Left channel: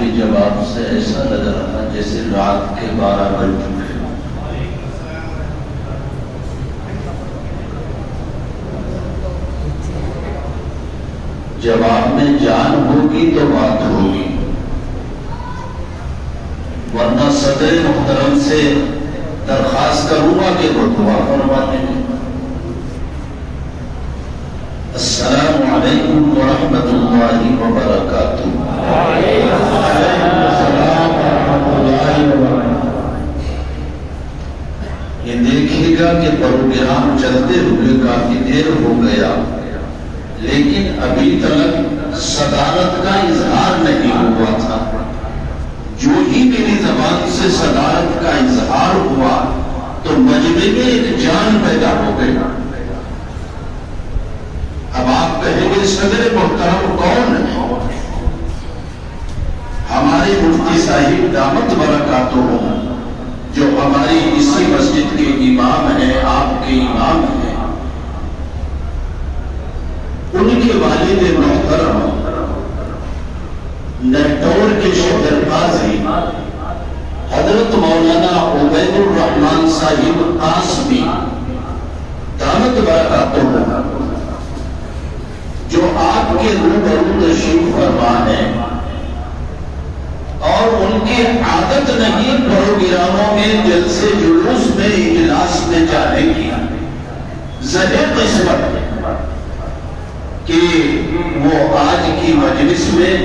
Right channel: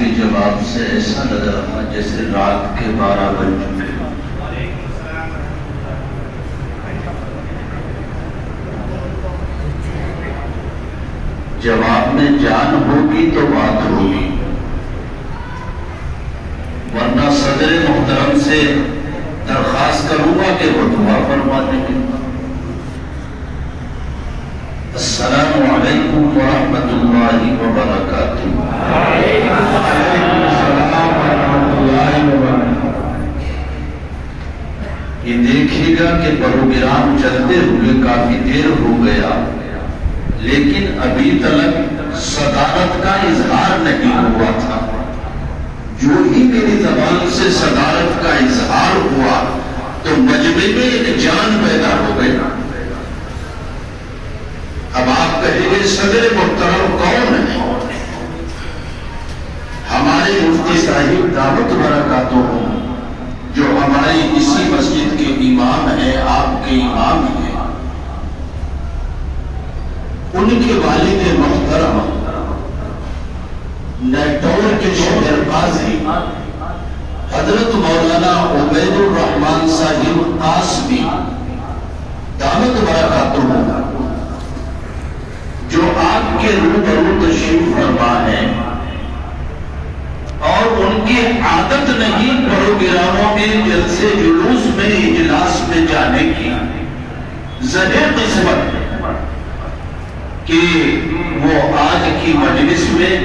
کے جواب سے ایسا لگ رہا جیسے رات کے 12 بج چکے۔ جواب میں جان ہوگی تو بات ہوگی، ورنہ صدر محترم سے درخواست کروں گا کہ وہ دعا فرما دیں۔ السلام علیکم ورحمۃ اللہ وبرکاتہ۔ وعلیکم السلام ورحمۃ اللہ وبرکاتہ۔ یہ دیکھیے گا کہ پروگرام چلتے ہوئے کافی دیر ہو گیا، لیکن ابھی تک صدارت کا اظہار نہیں ہوا تھا۔ جو ہی میری زبان سے صدارت کا اظہار ہوا تو مجمع میں ایک جان پیدا ہو گئی۔ اب آپ کہیں گے صدر محترم کون ہے؟ ہمارے مفتی صاحب دامت برکاتہم، جو ہماری اسی مسجد کے امام ہیں، آپ کے امام ہیں، ان کے والد محترم نیٹور کے شہر قاضی حضرت مولانا عبید الرحمان صاحب قاسمی دامت برکاتہم، جو آپ کے روبرو تشریف فرما ہے، اور ان کی عادت نہیں پروگراموں میں جلسے جلوس میں اجلاس میں جانے کی، زہر قسمت کہ وہ آج کی مجلس میں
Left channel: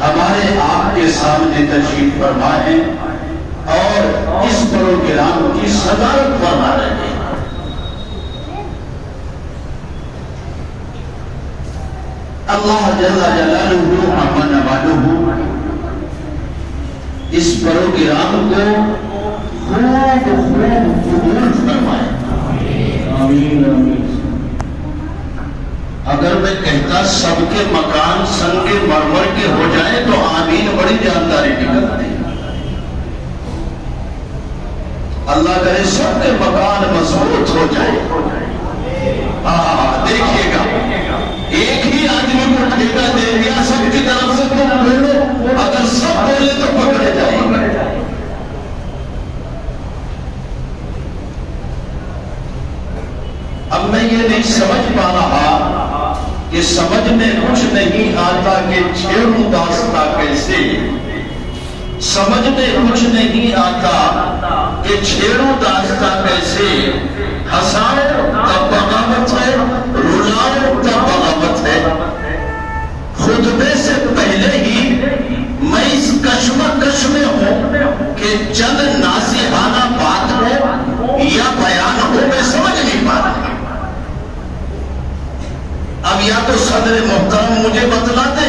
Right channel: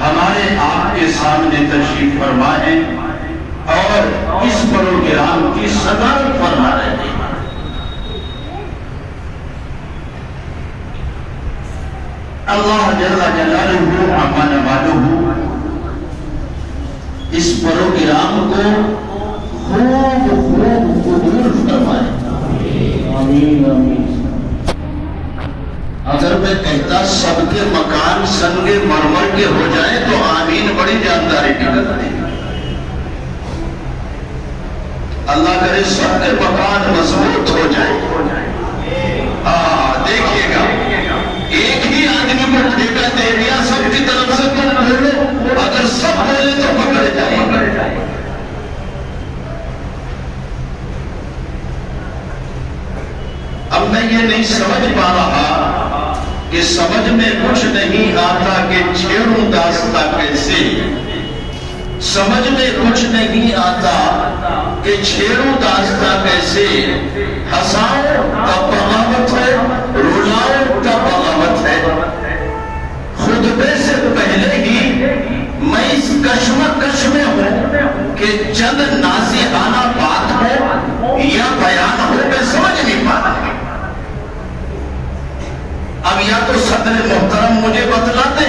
ہمارے آپ کے سامنے تشریف فرما ہے اور اس پروگرام کی صدارت فرما رہے ہیں۔ اللہ جل جلالہ عما نوالہ اس پروگرام کو خوب قبول فرمائے۔ آمین آمین۔ اگر میں کہتا سب کے مکان سنگ مرمر کے ہو جائیں تو آمین بڑی جانداری نکلتی۔ اللہ کرے سب کے مکان مضبوط ہو جائے۔ دیکھیے گا ایک ہی آدمی کو ٹھیکہ دے دیا سب کی طرف سے، تم بولو، اگر سب بولے تو پکڑے جائیں گے۔ اب میں یہ نہیں سمجھ پا رہا کہ سمجھ میں کچھ نہیں آتا کہ چھیڑوں داستہ کیسے، سمجھ میں کچھ نہیں آتا کہ چھیڑوں داستہ کیسے، ہنساؤ تب بغاوت ہے، رلاؤ تب بغاوت ہے۔ خطبے سے پہلے ہی میں اس کشمکش میں ہوں کہ چند ناصحانہ بات ہو یا بیان ہو، میں سمجھ نہیں پا رہا۔ اب یا تو صدر محترم مجھے بتلاتے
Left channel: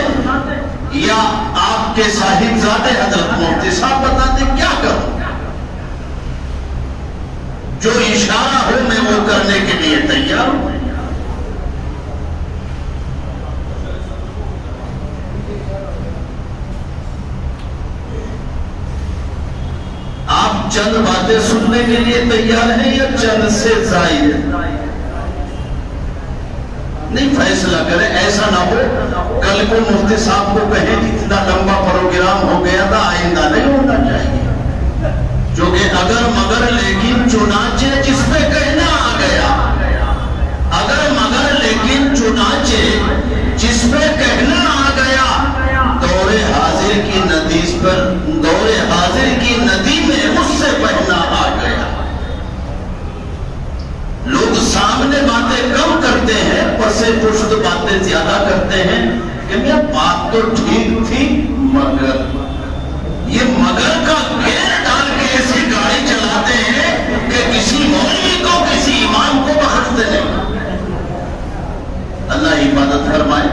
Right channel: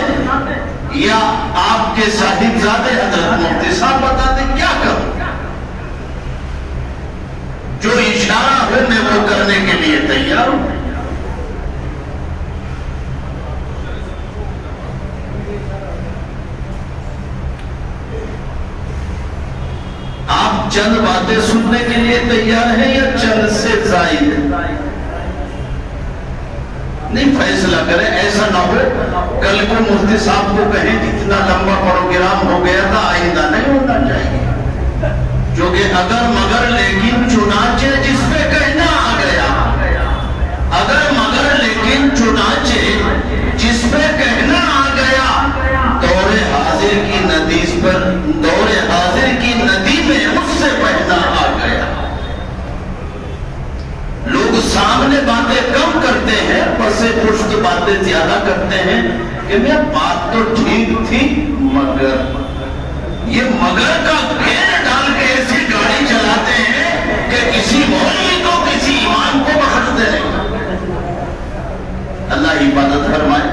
یا آپ کے صاحبزادے حضرت مفتی صاحب بتاتے، کیا کروں؟ جو اشارہ ہو میں وہ کرنے کے لیے تیار ہوں۔ آپ چند باتیں سننے کے لیے تیار ہیں یا چند سے زائد؟ نہیں، فیصلہ کریں، ایسا نہ ہو کل کو مفتی صاحب کو کہیں اتنا لمبا پروگرام ہو گیا تھا، آئندہ نہیں ہونا چاہیے۔ جو کہ اگر مگر لیکن چنانچہ جس پہ کہنا آ گیا، اگر مگر لیکن چنانچہ جس پہ کہنا آ گیا، دور حاضر کی ندیز پر، دور حاضر کی ندی میں اس سے پہنا آ گیا۔ لوگ سامنے باتیں کم کرتے ہیں، پس پشت باتیں زیادہ کرتے ہیں کہ میں بات تو ٹھیک تھی مگر، یہ مگر کا گھیر ڈال کے ایسی گاڑی چلاتے ہیں کہ کسی مولوی کو کسی امام کو بخشتے نہیں۔ اللہ حفاظت فرمائے۔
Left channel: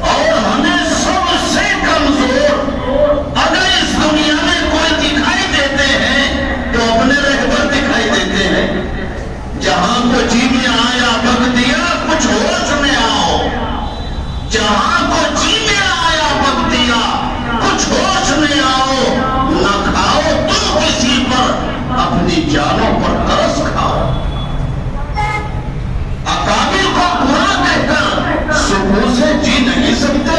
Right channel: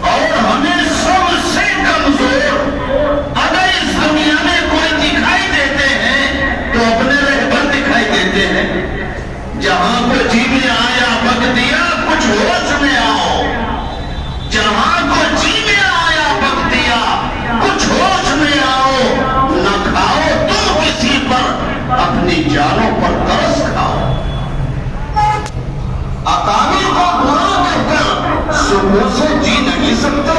اور ہمیں سب سے کمزور اگر اس دنیا میں کوئی دکھائی دیتے ہیں تو اپنے رہبر دکھائی دیتے ہیں۔ جہاں کو جی میں آیا بک دیا، کچھ ہوش میں آؤ۔ جہاں کو جی میں آیا بک دیا، کچھ ہوش میں آؤ۔ نہ کھاؤ تم کسی پر، اپنی جانوں پر ترس کھاؤ۔ اکابر کو برا کہہ کر سکون سے جی نہیں سکتے۔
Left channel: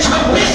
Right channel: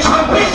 26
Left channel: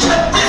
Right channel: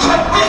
36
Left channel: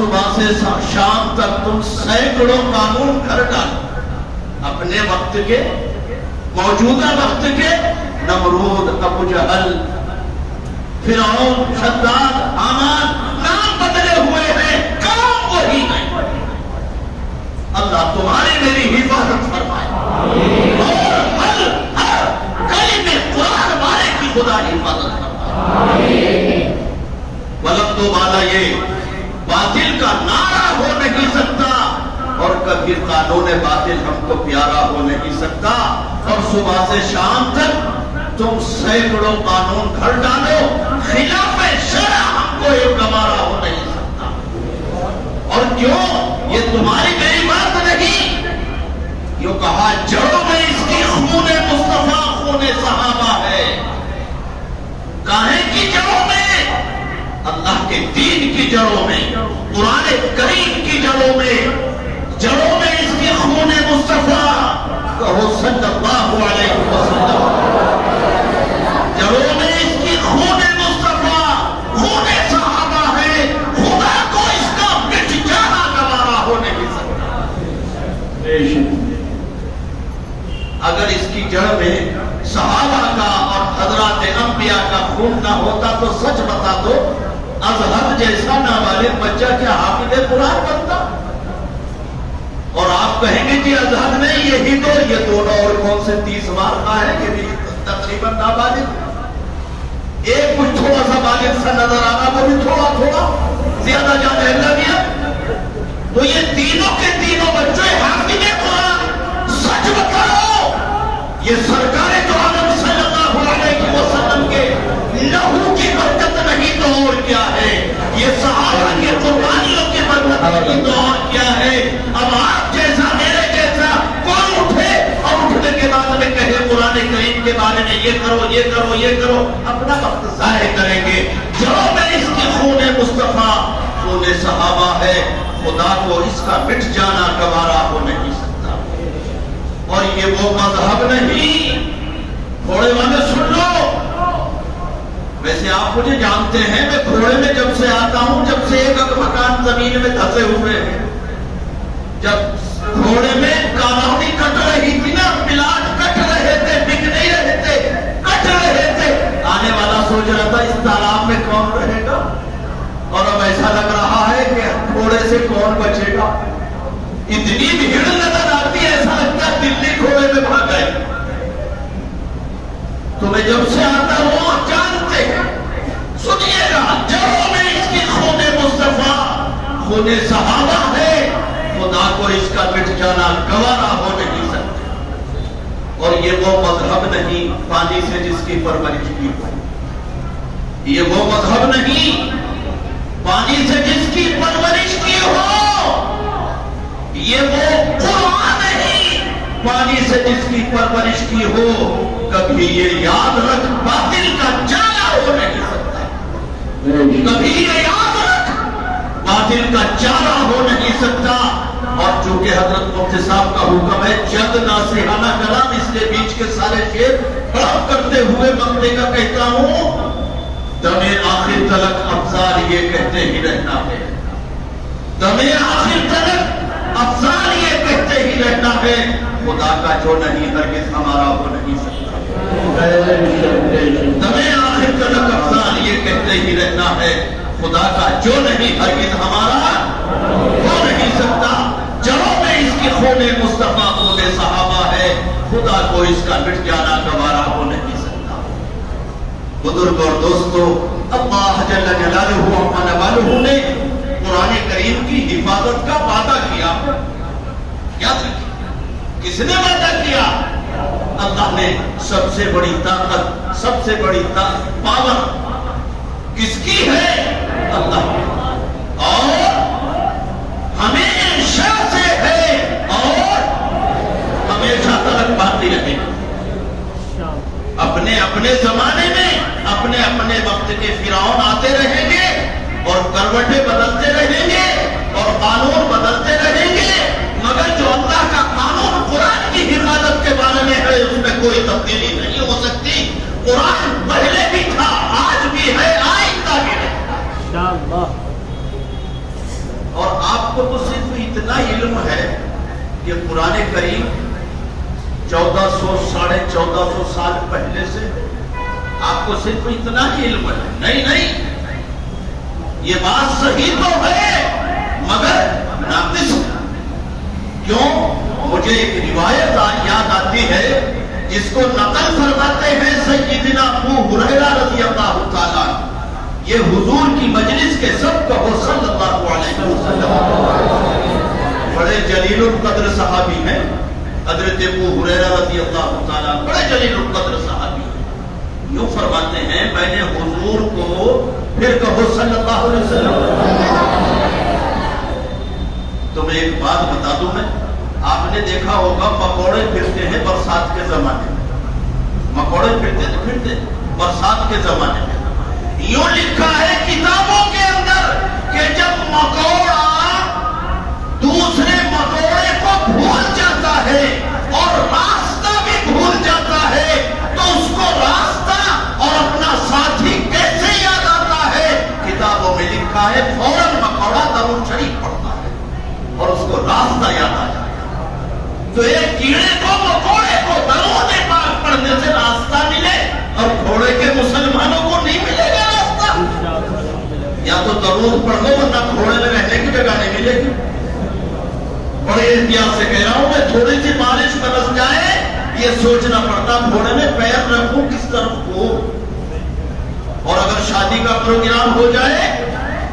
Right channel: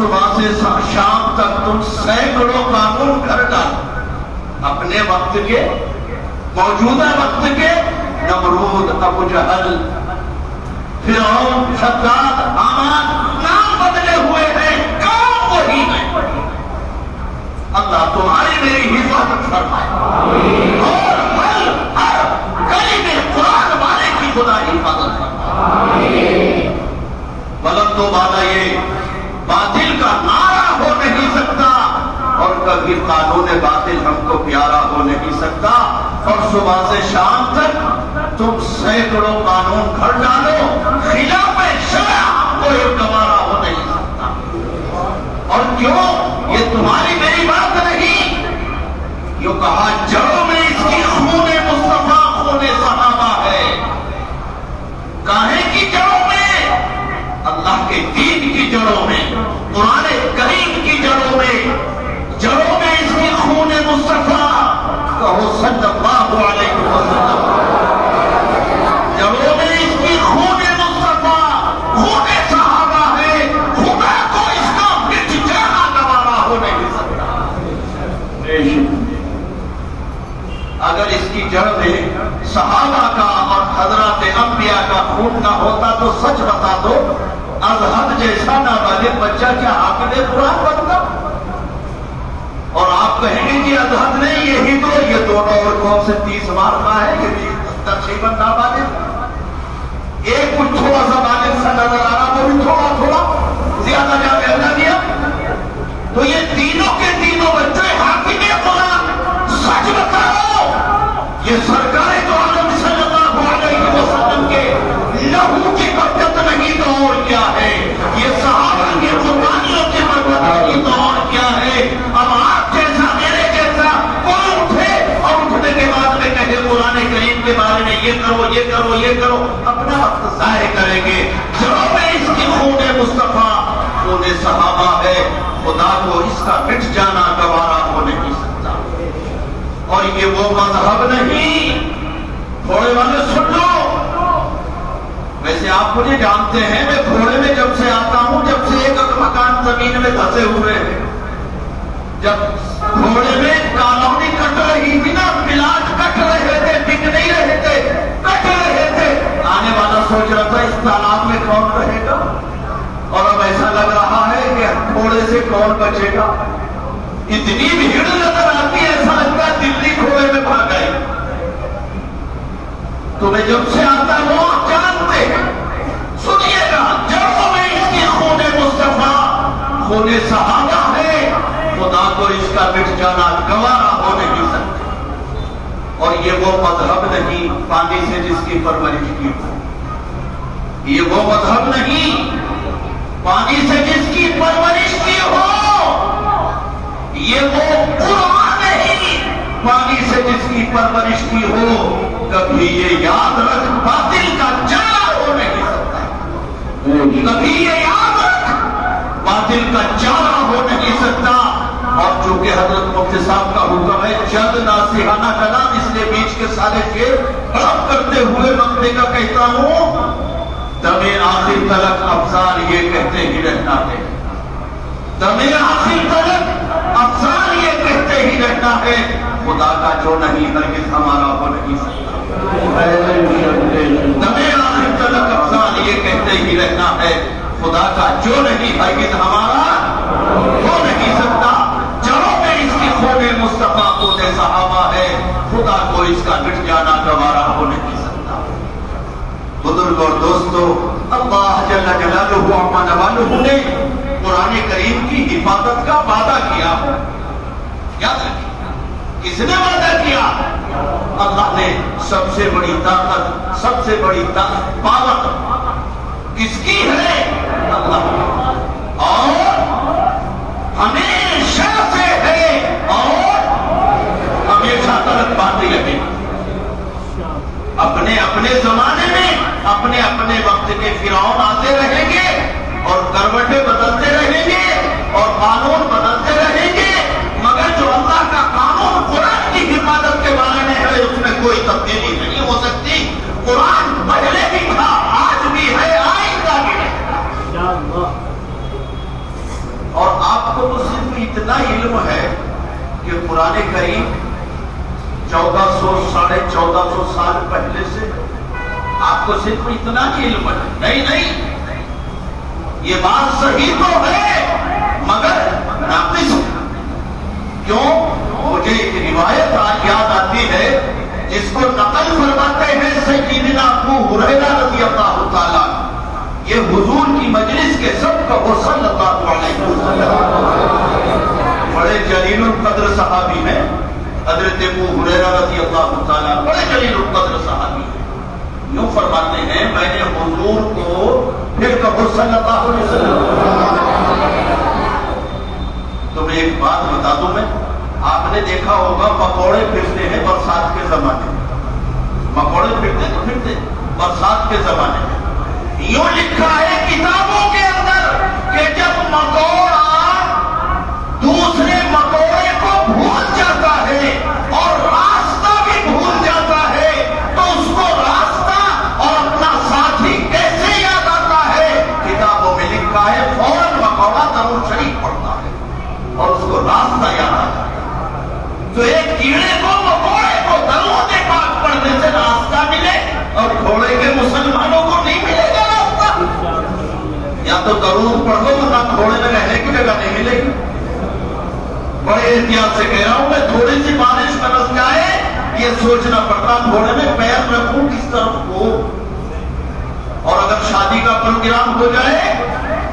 صبح سے شام تک تم سینکڑوں قانون گھر ڈالو، اپنے وقت کے، موجودہ وقت کے، نمرود، ابو جہل، فرعون، شداد، حامان، نام بدلے ہوئے ہیں، کام وہی ہے۔ اللہ تمہاری میری حفاظت فرمائے اور ہر کلمے قرآن والے کی خدا حفاظت فرمائے۔ غلط تو بالا یہ باطل کا نعرہ ہو نہیں سکتا، اور کبھی قانون باطل ہم کو پیارا ہو نہیں سکتا، اور صبح سے شام تک تم سینکڑوں قانون گھڑ ڈالو، خلاف شرع ہم کو ایک گوارا ہو نہیں سکتا۔ اور کیوں؟ یہ تمہاری میری بات نہیں، یوں کہا جڑوں میں اس کی خون مصطفیٰ خون صحابہ ہے۔ کاہے کی جڑوں میں؟ اللہ کے دین کی جڑوں میں، قرآن کریم کی جڑوں میں اس کی خون مصطفیٰ، کہو صلی اللہ علیہ وسلم، جڑوں میں اس کی خون مصطفیٰ خون صحابہ ہے۔ خدا کو اس کا مٹ جانا گوارا ہو نہیں سکتا۔ اگر اس کی جڑ میں صحابہ کا اور حضرات انبیاء کا خون نہ ہوتا تو سچ بتا دو، ازہد جیسا نابالغ بچہ کیا حافظ قرآن بنتا؟ اور آپ کہیں گے کہ ازہد نہیں، یہی تو یہ دونوں اور کون سے 30 مار کا ہے، یہ بھی تقریباً نابالغ، ایک کچھ تھوڑا سا بالغ سا نظر آ رہا، وہ بھی تھوڑا زیادہ جانے اللہ دیا۔ تو یہ تینوں کے تینوں بچے حافظ قرآن، سچ بتاؤ یہ سرکار تو عالم صلی اللہ علیہ وسلم کے لہو کی برکت نہیں تو اور کیا ہے؟ یہ صحابہ کی قربانیوں کی برکت نہیں تو اور کیا ہے؟ اب آپ جیسا میرے جیسا کوئی اٹھے اور اٹھنے کے بعد میں کہے قرآن کریم کے بارے میں یہ کرو یہ کرو یہ کرو، اپنا وقت ضائع کریں گے۔ جڑوں میں اس کی خون مصطفیٰ خون صحابہ ہے، خدا کو اس کا مٹ جانا گوارا ہو نہیں سکتا۔ اور یہ وہ مذہب نہیں، گھوڑے والے سن لو، ویسے آپ مجھے جانتے ہیں، میں گھوڑے میں جب سے آتا ہوں، جب سے ایک مکان زمین میں دھسے ہوئے ہیں، جب گھوڑے میں کالونی کٹ رہی تھی نا، پلاٹ کٹ رہے تھے، بک نہیں رہے تھے، کٹ رہے تھے، آنے والا سوچ رہا تھا اس تالاب میں کون رہے گا، اور اب ایسا لگ رہا ہے کہ گھوڑے سے کون بچے گا۔ اتنی بھیڑ نظر آتی ہے، ایسا لگتا ہے دلی گھوڑے میں بھاگ گئی۔ تو میں جب سے آتا ہوں جانتے ہیں، سنیے گا، جڑوں میں اس کی خون مصطفیٰ خون صحابہ ہے، خدا کو اس کا مٹ جانا گوارا ہو نہیں سکتا۔ اور یہ وہ مذہب نہیں پانی سے جس کی پرورش کی ہو، یہ وہ مذہب نہیں پانی سے جس کی پرورش کی ہو، یہ وہ قرآن نہیں پانی سے جس کی پرورش کی ہو۔ کبھی یہ یاد رکھ باطل کا چارہ ہو نہیں سکتا، کبھی یہ یاد رکھ باطل کا چارہ ہو نہیں سکتا۔ اور چونکہ حضرت مفتی صاحب کا حکم ہے، چند ناصحانہ کلام اس لیے بیچ کے سارے شعر ہڑپ کرتے ہوئے مقتے کا کہتا ہوں، دمِ آخر تلک افضال یہ کہتے ہی رہنا ہے، دمِ آخر تلک افضال یہ کہتے ہی رہنا ہے، خدا کا جو نہیں ہرگز ہمارا ہو نہیں سکتا۔ دمِ آخر تلک افضال یہ کہتے ہی رہنا ہے، خدا کا جو نہیں ہرگز ہمارا ہو نہیں سکتا۔ جڑوں میں اس کی خون مصطفیٰ خون صحابہ ہے، خدا کو اس کا مٹ جانا گوارا ہو نہیں سکتا۔ بزرگ اور دوستو، اللہ جل جلالہ عما نوالہ نے قرآن کریم کی حفاظت کا وعدہ کیا، یاد رکھیں کس نے وعدہ کیا؟ اللہ نے۔ سب سے بڑی طاقت، سب سے بڑی پاور کس کی ہے؟ اللہ کی، اور ہمیشہ سے ہے اور ہمیشہ تک باقی رہے گا۔ اپنے اپنے زمانے میں اپنے اپنے وقت کے فرعون آتے رہیں گے اور کروٹیں بدلتے رہیں گے اور قانون بدلتے رہیں گے، مگر جو اللہ کا قانون قرآن کی حفاظت کے بارے میں ہے اس میں کوئی تبدیلی نہیں ہو سکتی۔ قرآن پہلے بھی تھا، آج بھی ہے، آئندہ بھی ہے۔ آپ کو تو صرف اتنا علم ہے کہ قرآن کریم 1400 ساڑھے 1400 سال پہلے سے آپ کو صرف اتنا ہی علم ہے. نہیں یہ بات صحیح تو ہے مگر ناقص. کیوں؟ مجھے ایک روایت یاد آتی ہے جس کو نقل فرماتے ہیں سیدنا ابو ہریرہ رضی اللہ تعالیٰ. یہ حضور کی مجلس کے سب کا وہ صلی اللہ علیہ وسلم بڑے جلیل القدر صحابی ہیں. حضرت ابو ہریرہ رضی اللہ تعالیٰ بڑے جلیل القدر صحابی ہیں. یوں فرماتے ہیں میں نے حضور کو پھر کہو صلی اللہ علیہ وسلم. تمہیں ایک بات بتا دوں میں. آپ نے دیکھا ہوگا پکوڑے پھرتے ہیں برسات کے زمانے میں. مکوڑے پھرتے برسات کے زمانے میں. یوں لکھا ہے کتابوں کے اندر کہ جب مکوڑا دوسرے مکوڑے کو بھول جاتا ہے اور راستہ بھی بھول جاتا ہے تو اس کو راستہ اور اپنا ساتھی کیسے یاد آتا ہے؟ کتابوں میں لکھا ہے فوراً مکوڑا درود شریف پڑھتا ہے اور اس کو راستہ یاد آ جاتا ہے. تو ایک کیڑے کو مکوڑے کو درود پاک پڑھنے سے راستہ ملے اور گھوڑے کے مسلمانوں کو نہیں ملے گا راستہ. یا تو درود پڑھ لو ورنہ گھوڑے میں رہنے کی جگہ نہیں ملے گی. بڑے احتیاط سے کہہ رہا ہوں میں. تھوڑی سی بارش برس جائے یہ سوچنا پڑتا گھوڑے میں پیر رکھوں کس طرف کو. اور اگر شادی کا پروگرام ہو جائے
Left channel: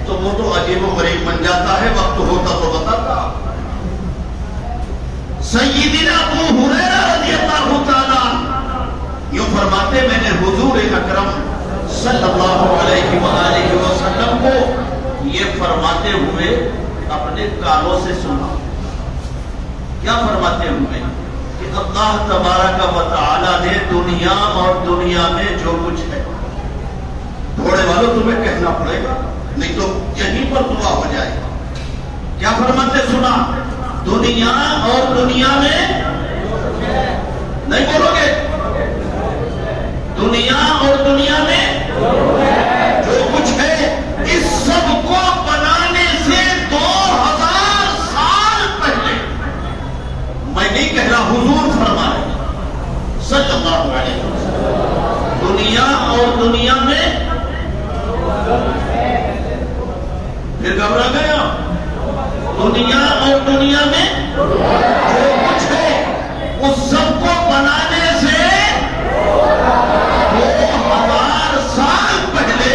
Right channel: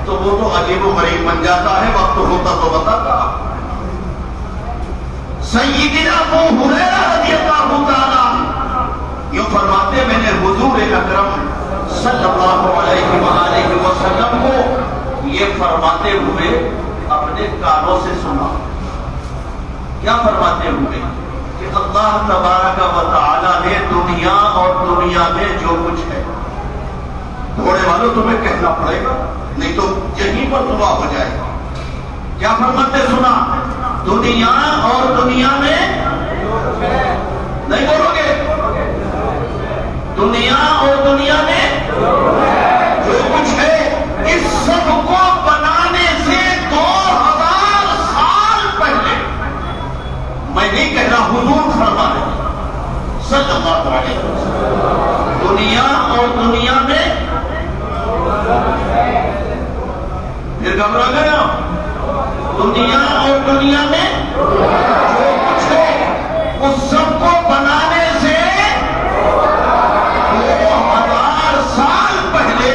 تو وہ تو عجیب و غریب بن جاتا ہے. وقت ہوتا تو بتاتا. سیدنا ابو ہریرہ رضی اللہ تعالیٰ یوں فرماتے میں نے حضور اکرم صلی اللہ علیہ وآلہ وسلم کو یہ فرماتے ہوئے اپنے کانوں سے سنا. کیا فرماتے ہوئے کہ اللہ تبارک و تعالی نے دنیا اور دنیا میں جو کچھ ہے. گھوڑے والوں تمہیں کہنا پڑے گا نہیں تو یہیں پر دعا ہو جائے گا. کیا فرماتے سنا؟ دنیا اور دنیا میں نہیں بولو گے. دنیا اور دنیا میں جو کچھ ہے اس سب کو بنانے سے 2000 سال پہلے. میں نہیں کہہ رہا حضور فرما رہے صلی اللہ علیہ وسلم. دنیا اور دنیا میں پھر گھبرا گیا. دنیا اور دنیا میں جو کچھ ہے اس سب کو بنانے سے 2000 سال پہلے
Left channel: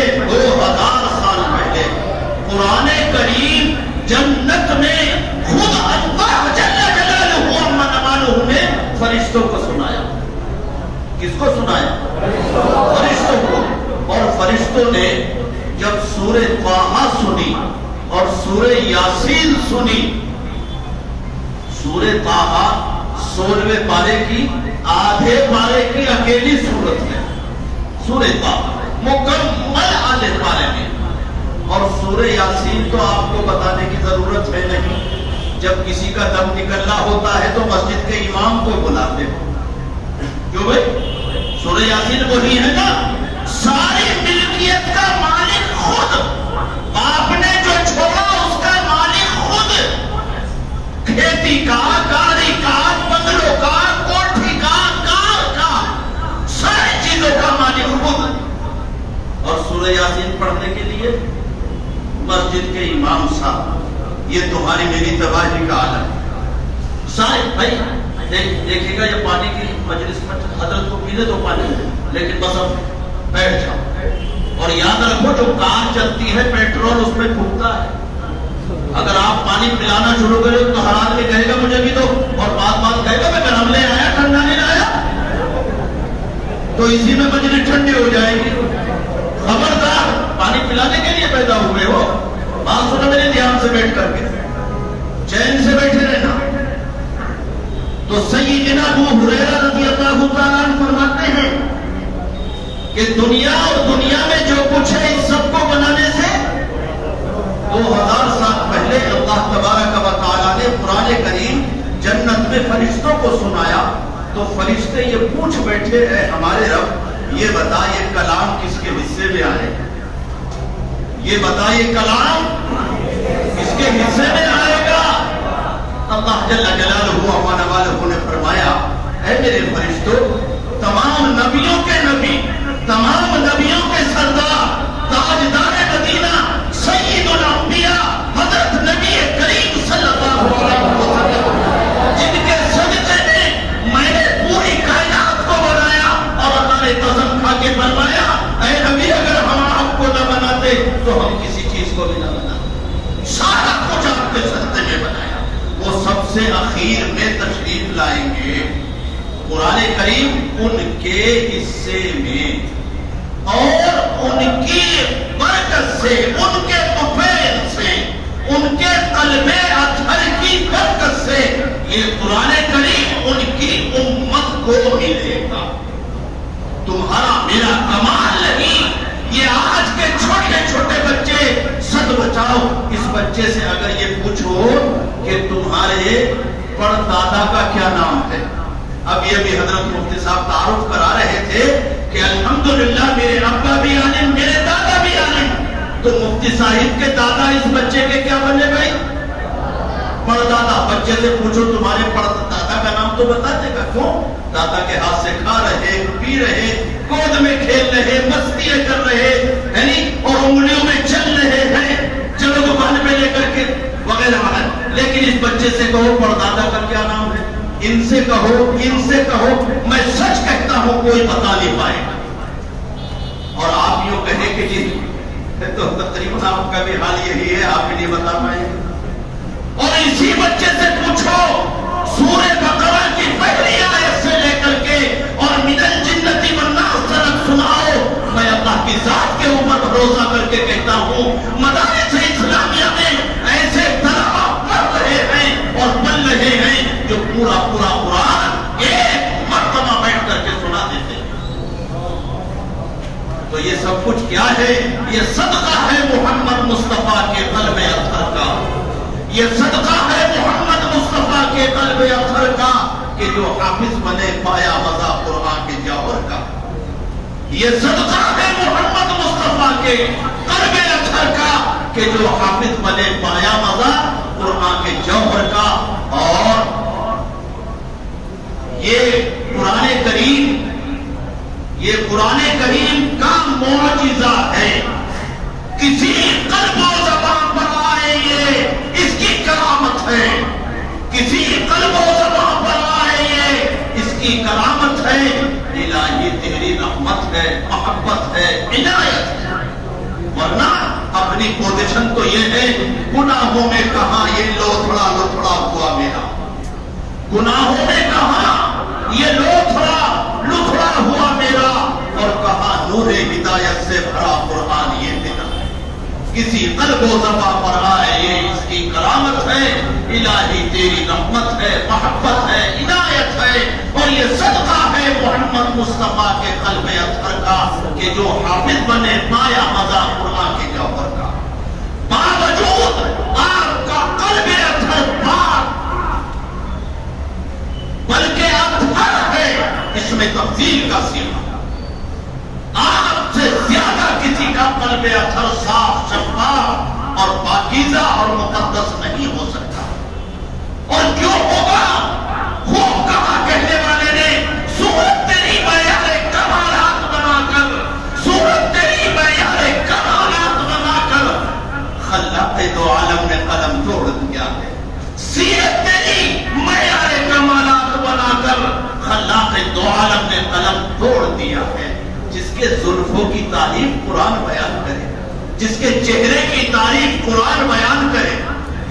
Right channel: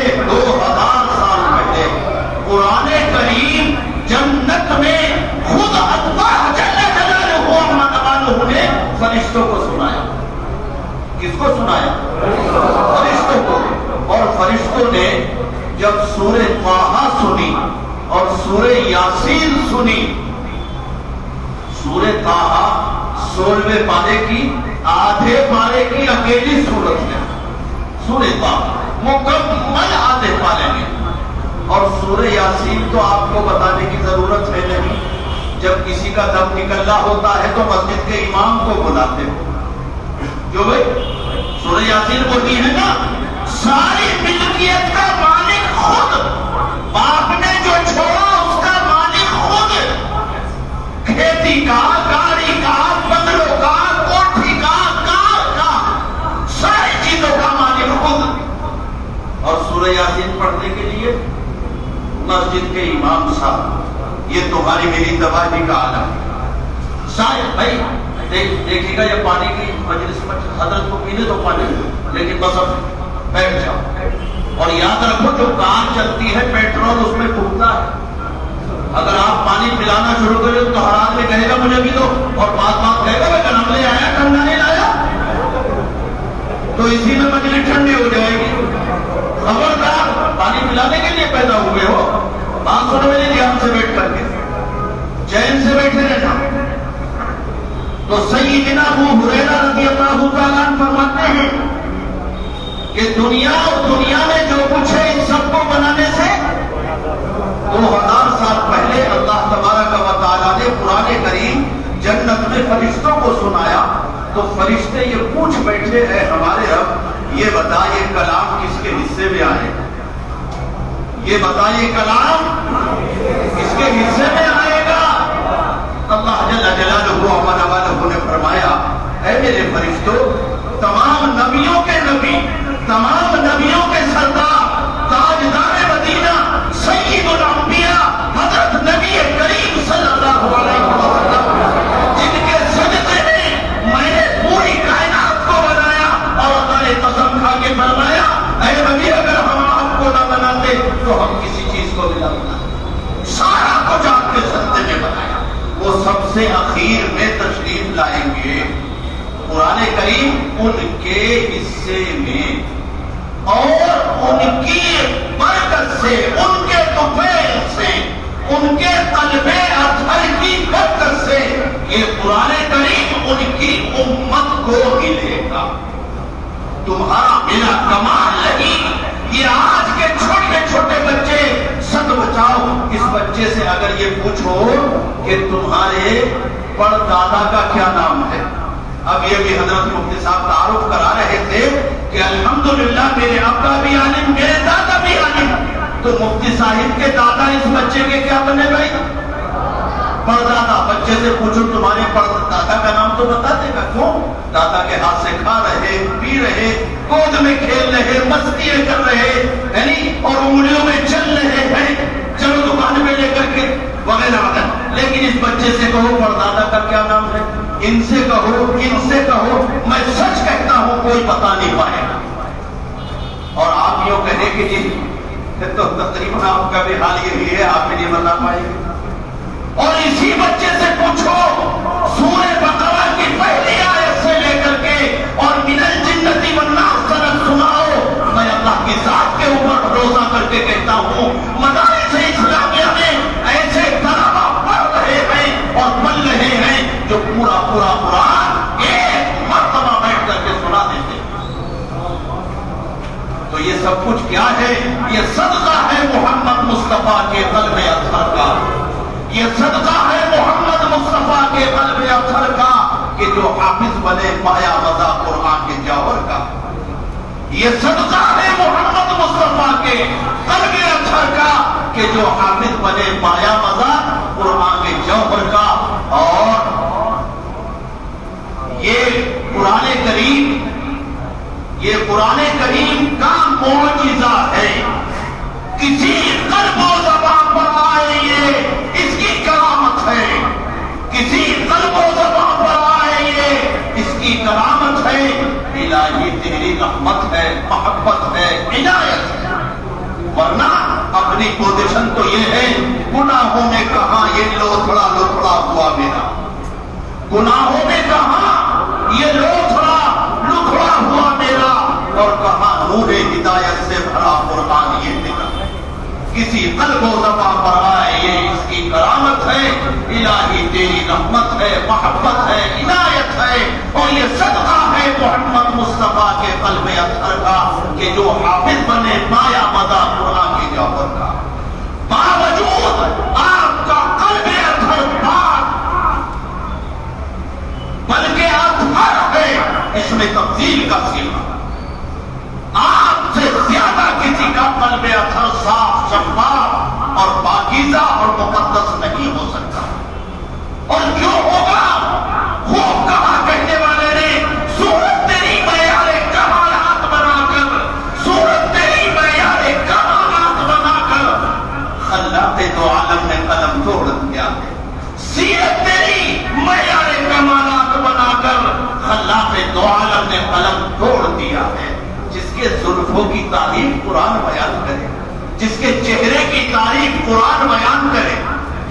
قرآن کریم جنت میں خود اللہ جل جلالہ عما نوالہ نے فرشتوں کو سنایا. کس کو سنایا؟ فرشتوں کو. اور فرشتوں نے جب سورہ طٰہٰ سنی اور سورہ یاسین سنی. سورہ طٰہٰ 16ویں پارے کی آدھے پارے کی اکیلی سورت ہے. سورہ طٰہٰ مکمل آدھے پارے میں. اور سورہ یاسین تو آپ کو بتانے کی ضرورت ہے نہیں. جب کسی کا دم نکلنا ہوتا ہے تو مسجد کے امام کو بلاتے ہو. کیوں بھائی؟ سورہ یاسین وہی ہے نا ساری ملکیت کا مالک خود. باپ نے جو چھوڑا اس کا مالک خود. کھیتی کا، گاڑی کا، بنگلوں کا، کوٹھی کا، کار کا، ساری چیزوں کا مالک خود. اور سورہ یاسین پڑھنے کے لیے مسجد کے امام صاحب. یہ تمہاری میری تباہی کا عالم. شاید بھائی دیکھیے گا یہ پانی کی مجلس حضرت کو پینے دو پانی لیکن بس اب بیٹھ جاؤ. اور یاد رکھو جو کار چلتی ہے پیٹرول اس میں پھوٹتا ہے. اگر آپ پانی پلانا شروع کریں تو ہر آدمی کہے گا مجھے بھی دو اور بات کہے گا میں گرم لے آیا ٹھنڈا نہیں لایا. تو اسی میں مجلس ٹھنڈی ہو جائے گی. خبردار پانی پلانے کے لیے پیدا ہوئے ہو. بات سنو میرے دھیان سے بیٹھ کر کے چین سے بیٹھے رہنا. تو سیدنا ابو ہریرہ رضی اللہ تعالیٰ عنہ فرماتے ہیں کہ دنیا اور دنیا میں جو کچھ ہے اس سب کو بنانے سے 2000 سال پہلے اللہ تبارک و تعالیٰ نے قرآن کریم جنت میں فرشتوں کو سنایا. تو فرشتے یہ پوچھ بیٹھے ہیں ہمارے رب یہ بتا یہ کلام کس کے حصے میں آئے گا. یہ بتا یہ کلام کس کے حصے میں آئے جل جلالہ و نوالہ نے فرمایا اے میرے فرشتوں، تمام نبیوں کے نبی، تمام نبیوں کے سردار، تاجدار مدینہ، سید الانبیاء حضرت نبی کریم صلی اللہ علیہ وسلم، جن کے صدقے میں نے پوری کائنات کو بنایا، اور اللہ نے قسم کھا کے فرمایا اے نبی اگر ہم آپ کو نہ بناتے تو ہم کسی چیز کو بھی نہ بناتے، سارا کچھ آپ کے صدقے میں بنایا۔ وہ سب سے اخیر میں تشریف لائیں گے، قرآن کریم ان کے حصے میں اور ان کی برکت سے، ان کے طفیل سے، ان کے قلب اطہر کی برکت سے یہ قرآن کریم ان کی امت کو ملے گا۔ تمہارا میرا کمال نہیں، یہ آج کے چھوٹے چھوٹے بچے سد بچاؤ، اس بچے سے اگر یہ پوچھو کہ تمہارے پردادا کا کیا نام ہے، اب یہ بھی حضرت مفتی صاحب تعارف کرا رہے تھے کہ الحمدللہ میرے ابا بھی عالم، میرے دادا بھی عالم، تو مفتی صاحب کے دادا اس بچے کے کیا بنے بھائی؟ پردادا۔ بچے سے پوچھو تمہارے پردادا کا نام تو بتا دے گا، کیوں؟ دادا کے ہاتھ سے کھا رہے، پی رہے، گود میں کھیل رہے، مستیاں کر رہے ہیں اور انگلیوں میں چل رہے ہیں، چلو دکان پہ لے کر کے وغیرہ وغیرہ۔ لیکن اس بچے سے کہو پردادا کا کیا نام ہے، ان سے کہو، میں سچ کہتا ہوں کوئی بتا نہیں پائے گا۔ اور آپ یوں کہیں کہ جی تو تقریباً آپ کا بھی حال یہی ہے، آپ بھی نہیں بتا پائیں گے۔ اور اسی بچے سے پوچھو سورہ بقرہ کی پہلی آیت سے لے کر کے اور من الجنۃ والناس تک سناؤ، میں اللہ کی ذات کے اوپر بھروسہ کر کے کہتا ہوں مدارس اسلامیہ میں ایسے طلباء پڑھ رہے ہیں اور پڑھ رہے ہیں جو پورا قرآن ایک مرتبہ بیٹھ کر کے سنا دیتے ہیں۔ تو یہ سب کچھ کیا ہے؟ یہ صدقہ ہے محمد مصطفیٰ کے قلب اطہر کا، یہ صدقہ ہے محمد مصطفیٰ کے قلب اطہر کا کہ جو حافظ بنے پایا مزہ قرآن کے جوہر کا، یہ صدقہ ہے محمد مصطفیٰ کے قلب اطہر کا کہ جو حافظ بنے پایا مزہ قرآن کے جوہر کا۔ اور یہ قرآن کریم کا معجزہ ہے، کسی قلب و زبان پر آئے یہ اس کی کرامت ہے، کسی قلب و زبان پر آئے یہ اس کی کرامت ہے۔ الہی تیری رحمت ہے، محبت ہے، عنایت ہے، ورنہ اپنی پوزیشن تو یہ ہے گناہوں میں کہاں یہ لوتھڑا ہوا میرا، گناہوں میں کہاں یہ لوتھڑا ہوا میرا، اور کہاں نور ہدایت سے بھرا قرآن یہ تیرا۔ کسی قلب و زبان پر آئے یہ اس کی کرامت ہے، الہی تیری رحمت ہے، محبت ہے، عنایت ہے، اور یہ صدقہ ہے محمد مصطفیٰ کے قلب اطہر کا کہ جو حافظ بنے پایا مزہ قرآن کے جوہر کا۔ باوجود آپ کا قلب اطہر پاک بلکہ اطہر ہے، اس میں تفضیل کا سیما، آپ سے زیادہ کسی کا قلب اطہر صاف، شفاف اور پاکیزہ اور مقدس نہیں ہو سکتا۔ اور جو ہوگا خوب کہا کہنے والے نے، صورت تیری معیار کمالات بنا کر، صورت تیری معیار کمالات بنا کر خلاق دو عالم نے قلم توڑ دیا ہے، سیرت تیری معیار کمالات بنا کر خلاق دو عالم نے قلم توڑ دیا ہے۔ جس کے زلفوں کی تعریف قرآن بیان کرے، جس کے چہرے کی تعریف قرآن بیان کرے،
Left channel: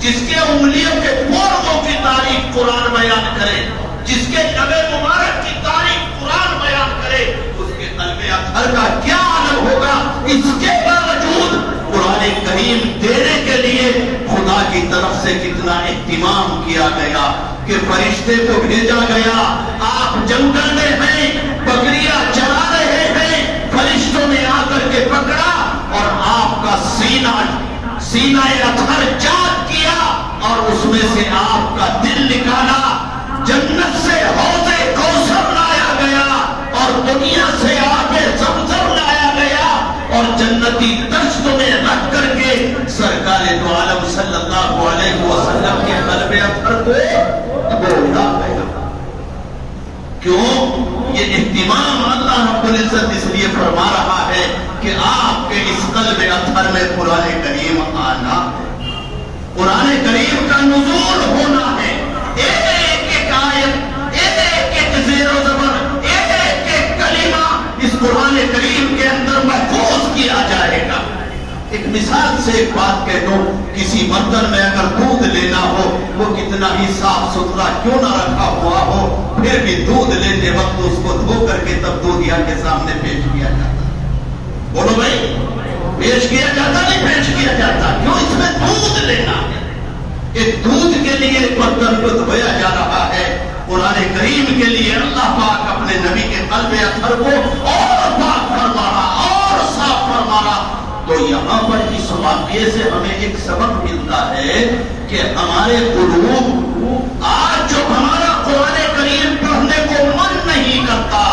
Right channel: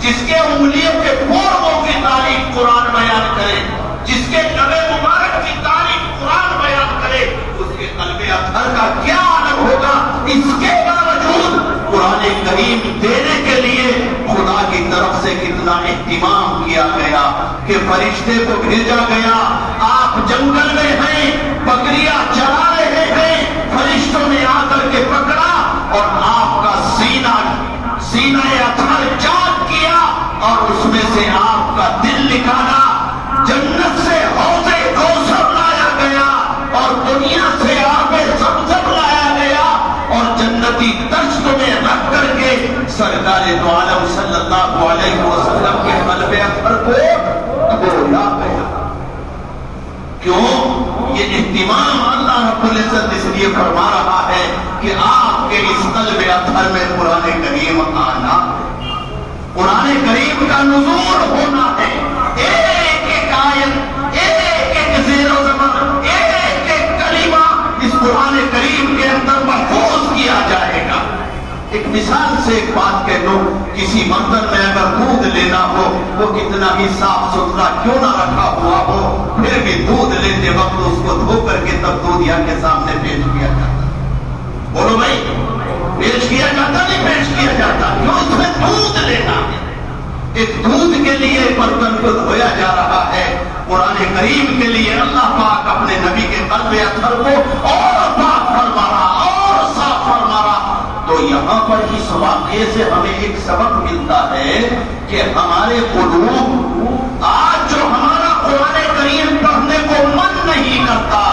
جس کے انگلیوں کے پوروں کی تعریف قرآن بیان کرے، جس کے لب مبارک کی تعریف قرآن بیان کرے، اس کے قلب اطہر کا کیا عالم ہوگا۔ اس کے باوجود قرآن کریم دینے کے لیے خدا کی طرف سے کتنا اہتمام کیا گیا کہ فرشتے کو بھیجا گیا، آپ جنگل میں ہیں، بکریاں چرا رہے ہیں، فرشتوں نے آ کر کے پکڑا اور آپ کا سینہ اطہر چاک کیا اور اس میں سے آپ کا دل نکالا، جنت سے حوض کوثر لایا گیا اور دنیا سے آب زمزم لایا گیا اور جنتی دشت میں رکھ کر کے سرکار دو عالم صلی اللہ علیہ وسلم کے قلب اطہر کو کیوں؟ یہ اہتمام اللہ رب العزت اس لیے فرما رہا ہے کہ آپ کے اس قلب اطہر میں قرآن کریم آنا، قرآن کریم کا نزول ہونا ہے۔ ایک ایک آیت، ایک ایک زیر و زبر، ایک ایک کلمہ اس قرآن کریم کے اندر محفوظ کیا جائے گا۔ ایک مثال سے ایک بات کہہ دو، کسی برتن میں اگر دودھ لینا ہو، وہ کتنا ہی صاف ستھرا کیوں نہ رکھا ہوا ہو، پھر بھی دودھ لیتے وقت اس کو دھو کر کے تب دودھیا کے سامنے پیش کیا جاتا۔ بولو بھائی، پیش کیا جاتا نہیں پیش کیا جاتا؟ کیوں؟ اس میں دودھ لینا ہے۔ ایک دودھ کے لیے برتن کو دھویا جا رہا ہے، قرآن کریم کے لیے اللہ پاک اپنے نبی کے قلب اطہر کو اور پاک فرما رہا اور صاف فرما رہا۔ تو یہاں پر اس واقعے سے ہمیں ایک سبق ملتا ہے کہ ہمارے قلوب آج جو ہمارا قرآن کریم پڑھنے کو من نہیں کرتا،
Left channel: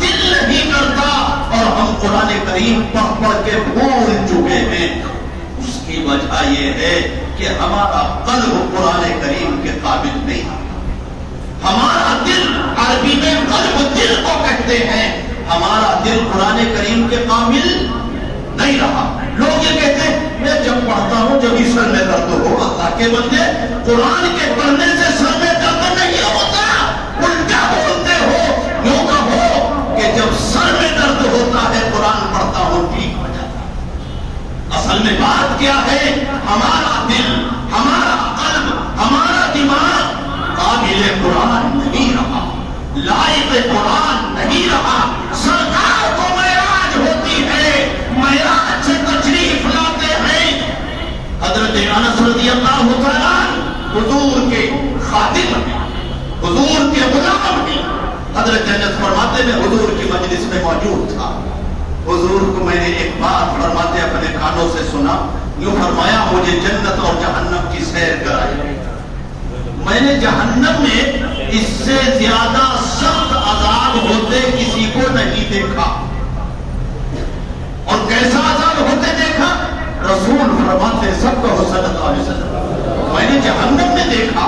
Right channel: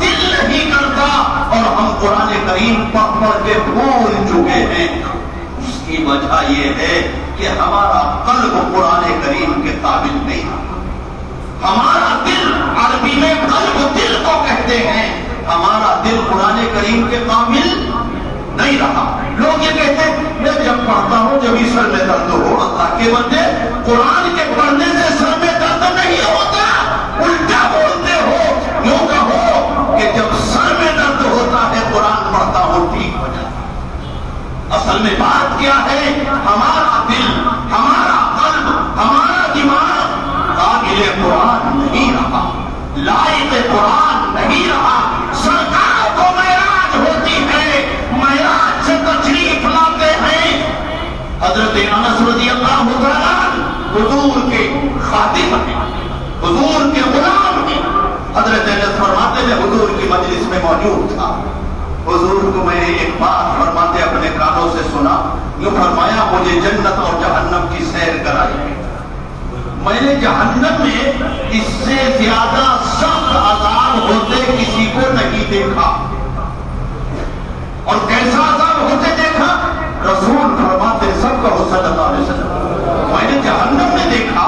دل نہیں کرتا، اور ہم قرآن کریم پڑھ پڑھ کے بھول چکے ہیں، اس کی وجہ یہ ہے کہ ہمارا قلب قرآن کریم کے قابل نہیں۔ ہمارا دل، عربی میں قلب دل کو کہتے ہیں، ہمارا دل قرآن کریم کے قابل نہیں رہا۔ لوگ یہ کہتے ہیں میں جب پڑھتا ہوں جب سر میں درد ہو، اللہ کے بندے قرآن کے پڑھنے سے سر میں درد نہیں ہوتا، الٹا بولتے ہو۔ یوں کہو کہ جب سر میں درد ہوتا ہے قرآن پڑھتا ہوں ٹھیک ہو جاتا ہے۔ اصل میں بات کیا ہے؟ ہمارا دل، ہمارا قلب، ہمارا دماغ قابل قرآن نہیں رہا، لائق قرآن نہیں رہا۔ سرکار کو معراج ہوتی ہے، معراج سے تشریف لاتے ہیں حضرت انس رضی اللہ تعالیٰ، حضور کے خادم ہیں، حضور کے غلام ہیں۔ حضرت انس فرماتے میں حضور کی مجلس میں موجود تھا، حضور کو میں نے ایک بات فرماتے اپنے کانوں سے سنا، یوں فرمایا مجھے جنت اور جہنم کی سیر کرائی۔ میں نے جہنم میں اس سے زیادہ سخت عذاب ہوتے کسی کو نہیں دیکھا، اور کیسا عذاب ہوتے دیکھا؟ رسول فرماتے سب کو صلی اللہ علیہ وسلم، میں نے جہنم میں دیکھا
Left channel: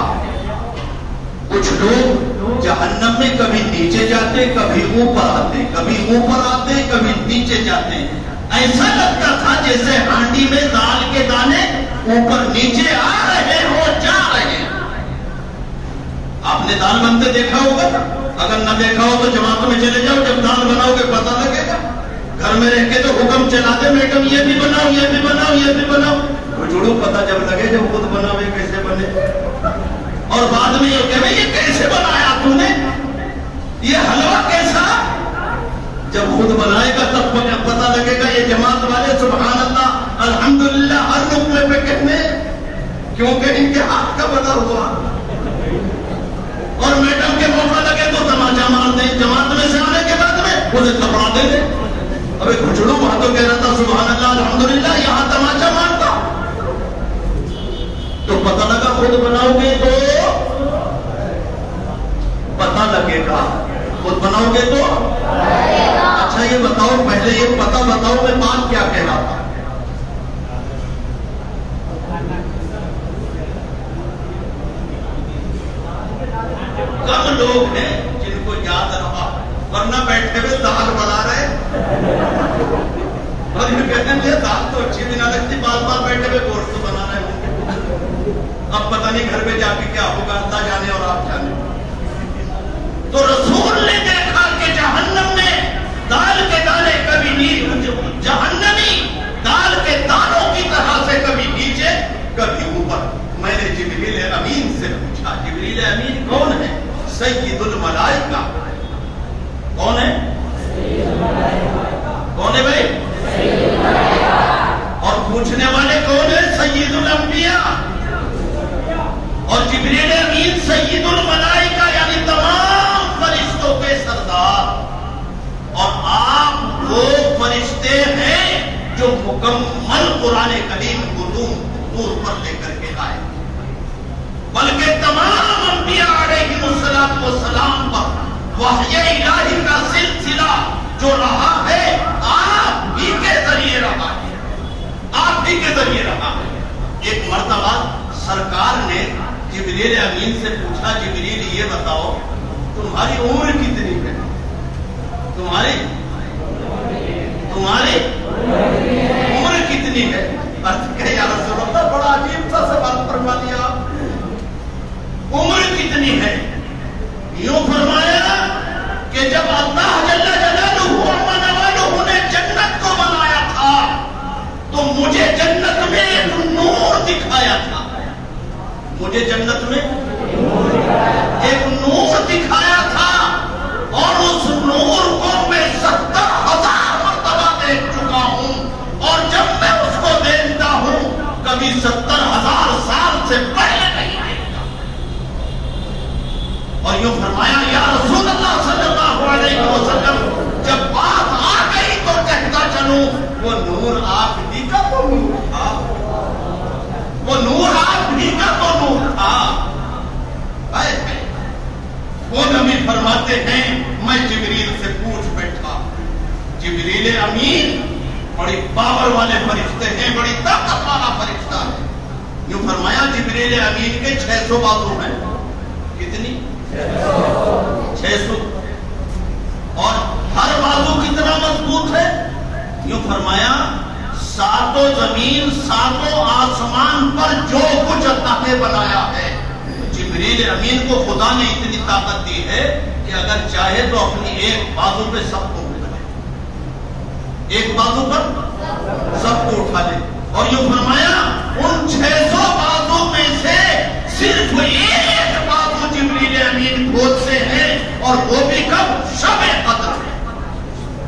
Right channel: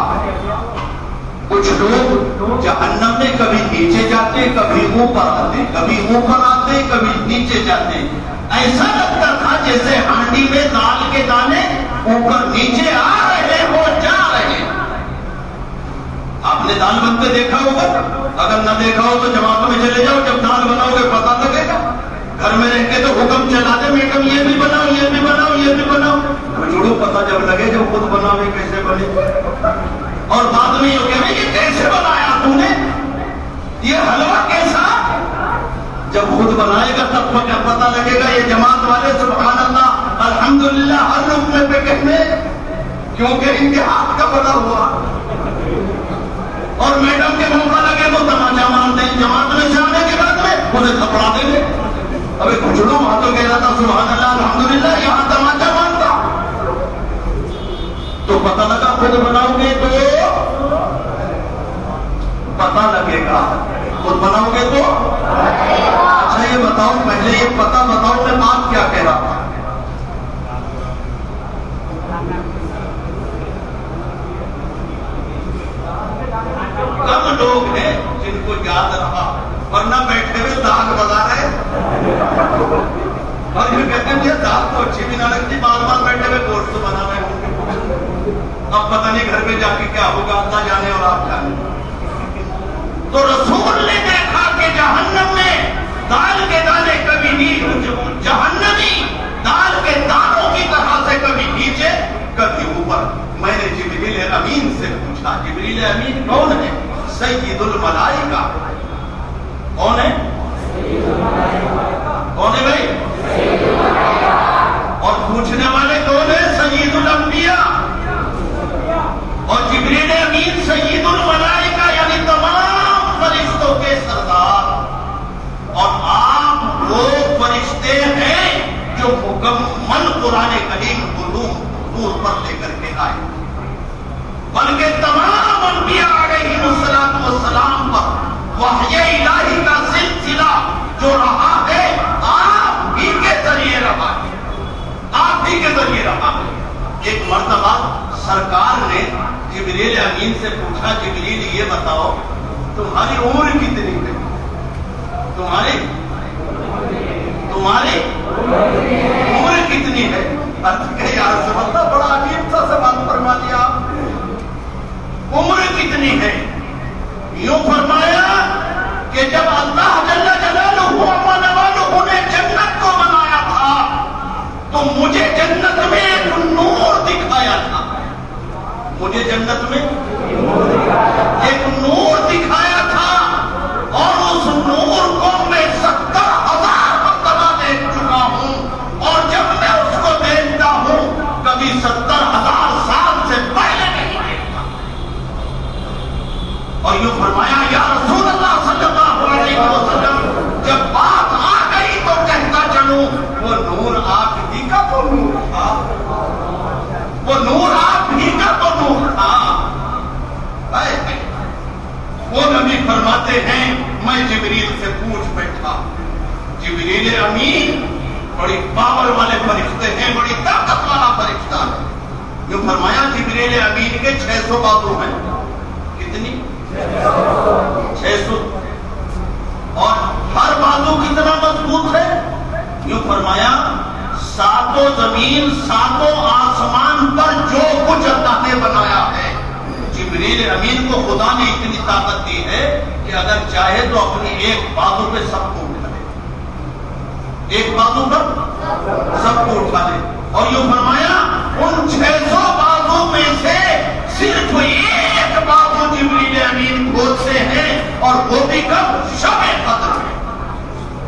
کچھ لوگ جہنم میں کبھی نیچے جاتے، کبھی اوپر آتے، کبھی اوپر آتے، کبھی نیچے جاتے۔ ایسا لگتا تھا جیسے ہانڈی میں دال کے دانے اوپر نیچے آ رہے ہو، جا رہے ہیں۔ آپ نے دال بنتے دیکھا ہوگا، اگر نہ دیکھا ہو تو جماعتوں میں چلے جاؤ، جب دال بناؤ گے پتہ لگے گا۔ گھر میں رہ کے تو حکم چلاتے میڈم یہ بھی بناؤ، یہ بھی بناؤ، یہ بھی بناؤ، جڑو پتہ جب لگے جب خود بناؤ یہ کیسے بنے، اور بعد میں یہ کہے یہ کیسے بنایا تو نے، یہ حلوہ کیسا؟ جب خود بنائے گا تب پتہ لگے گا۔ یہ جماعت والے سبحان اللہ الحمدللہ ہر رکنے پہ کہنے، کیونکہ ان کے ہاتھ کا بنا ہوا، اور میڈم کے موقع لگے تو تماچا مار دیں، جماعت میں سے آنے کے بعد میں انہیں تھپڑا دیں گے۔ ابھی کچھڑوں باتوں کہہ رہا تھا سبحان اللہ الحمدللہ، یہاں تماچا مارتا، تو پتہ لگا خود بناؤ گے تو پتہ لگے گا، خود بناؤ گے تو اچھا یہ بتاؤ، پہلے یہ پتہ بتاؤ میں بات کیا کہہ رہا تھا؟ کم لوگ ہیں جن کو یاد رہا، ورنہ بیٹھے ہوئے دال بنا رہے، اور یہ کہتے ہیں یہ دال تو اچھی بھی نہ لگتی، بار بار بیٹھے ہوئے گوشت بنا رہے ہوں، اب پتہ نہیں گھر میں جا کے کیا ہوگا، اللہ جانے اور آپ جانے۔ تو رسول نے دیکھا کہ جہنم میں دال کے دانے کبھی نہیں، جہنمی دال کے دانوں کی طرح سے کبھی نیچے کبھی اوپر۔ میں نے جبریل امین سے پوچھا، جبریل امین کون ہے؟ سید الملائکہ۔ کون ہے؟ کون ہے بھائی؟ اور پوچھنے والے کون ہے؟ سید الانبیاء۔ اور جبریل امین سید الملائکہ یعنی تمام فرشتوں کے سردار، اور آپ وہ فرشتے ہیں جو مکمل قرآن کریم علوم نور پر لے کر کے آئے، بلکہ تمام انبیاء علیہ السلام پر وحی الہی کا سلسلہ جو رہا ہے آپ ہی کے ذریعے رہا ہے، آپ ہی کے ذریعے رہا ہے۔ ایک مرتبہ سرکار نے جبریل امین سے پوچھا، جبریل یہ بتاؤ تمہاری عمر کتنی ہے؟ تمہاری عمر کتنی ہے؟ عرض کہ یا رسول اللہ بڑا عجیب سا سوال فرما دیا. عمر کتنی ہے؟ یوں فرمایا کہ جب اللہ جل جلالہ و نوالہ نے جنت کو بنایا تھا تو مجھے جنت میں ایک نور دکھایا تھا. مجھے جنت میں ایک نور دکھایا تھا اور اس نور کو میں 70,000 مرتبہ دیکھ چکا ہوں اور جب میں اس کو دیکھتا ہوں کبھی 70,000 سال سے پہلے نہیں دیکھتا. اور یوں فرمایا یا رسول اللہ صلی اللہ علیہ وسلم جب بات آ گئی تو کہتا چلوں وہ نور آپ ہی کا تو نور تھا. وہ نور آپ ہی کا تو نور تھا. وہ نبی فرماتے ہیں میں جبریل سے پوچھ بیٹھا. جبریل امین بڑی پاور والے فرشتے ہیں, بڑی طاقت والا فرشتہ ہے. یوں فرمایا جبریل امین کے 600 بازو ہیں. کتنی؟ 600. اور ہر بازو کتنا مضبوط ہے؟ یوں فرمایا ساتوں زمین ساتوں آسمان پر جو کچھ اللہ نے بنایا ہے جبریل امین کو خدا نے اتنی طاقت دی ہے کہ اگر چاہے تو اپنی ایک بازو پہ سب کو اٹھا دے. ایک بازو پر سب کو اٹھا دے. اور یوں فرمایا ان 600 بازو میں سے صرف ایک بازو جبریل امین کھودتے ہیں اور وہ بھی کب؟ شب قدر.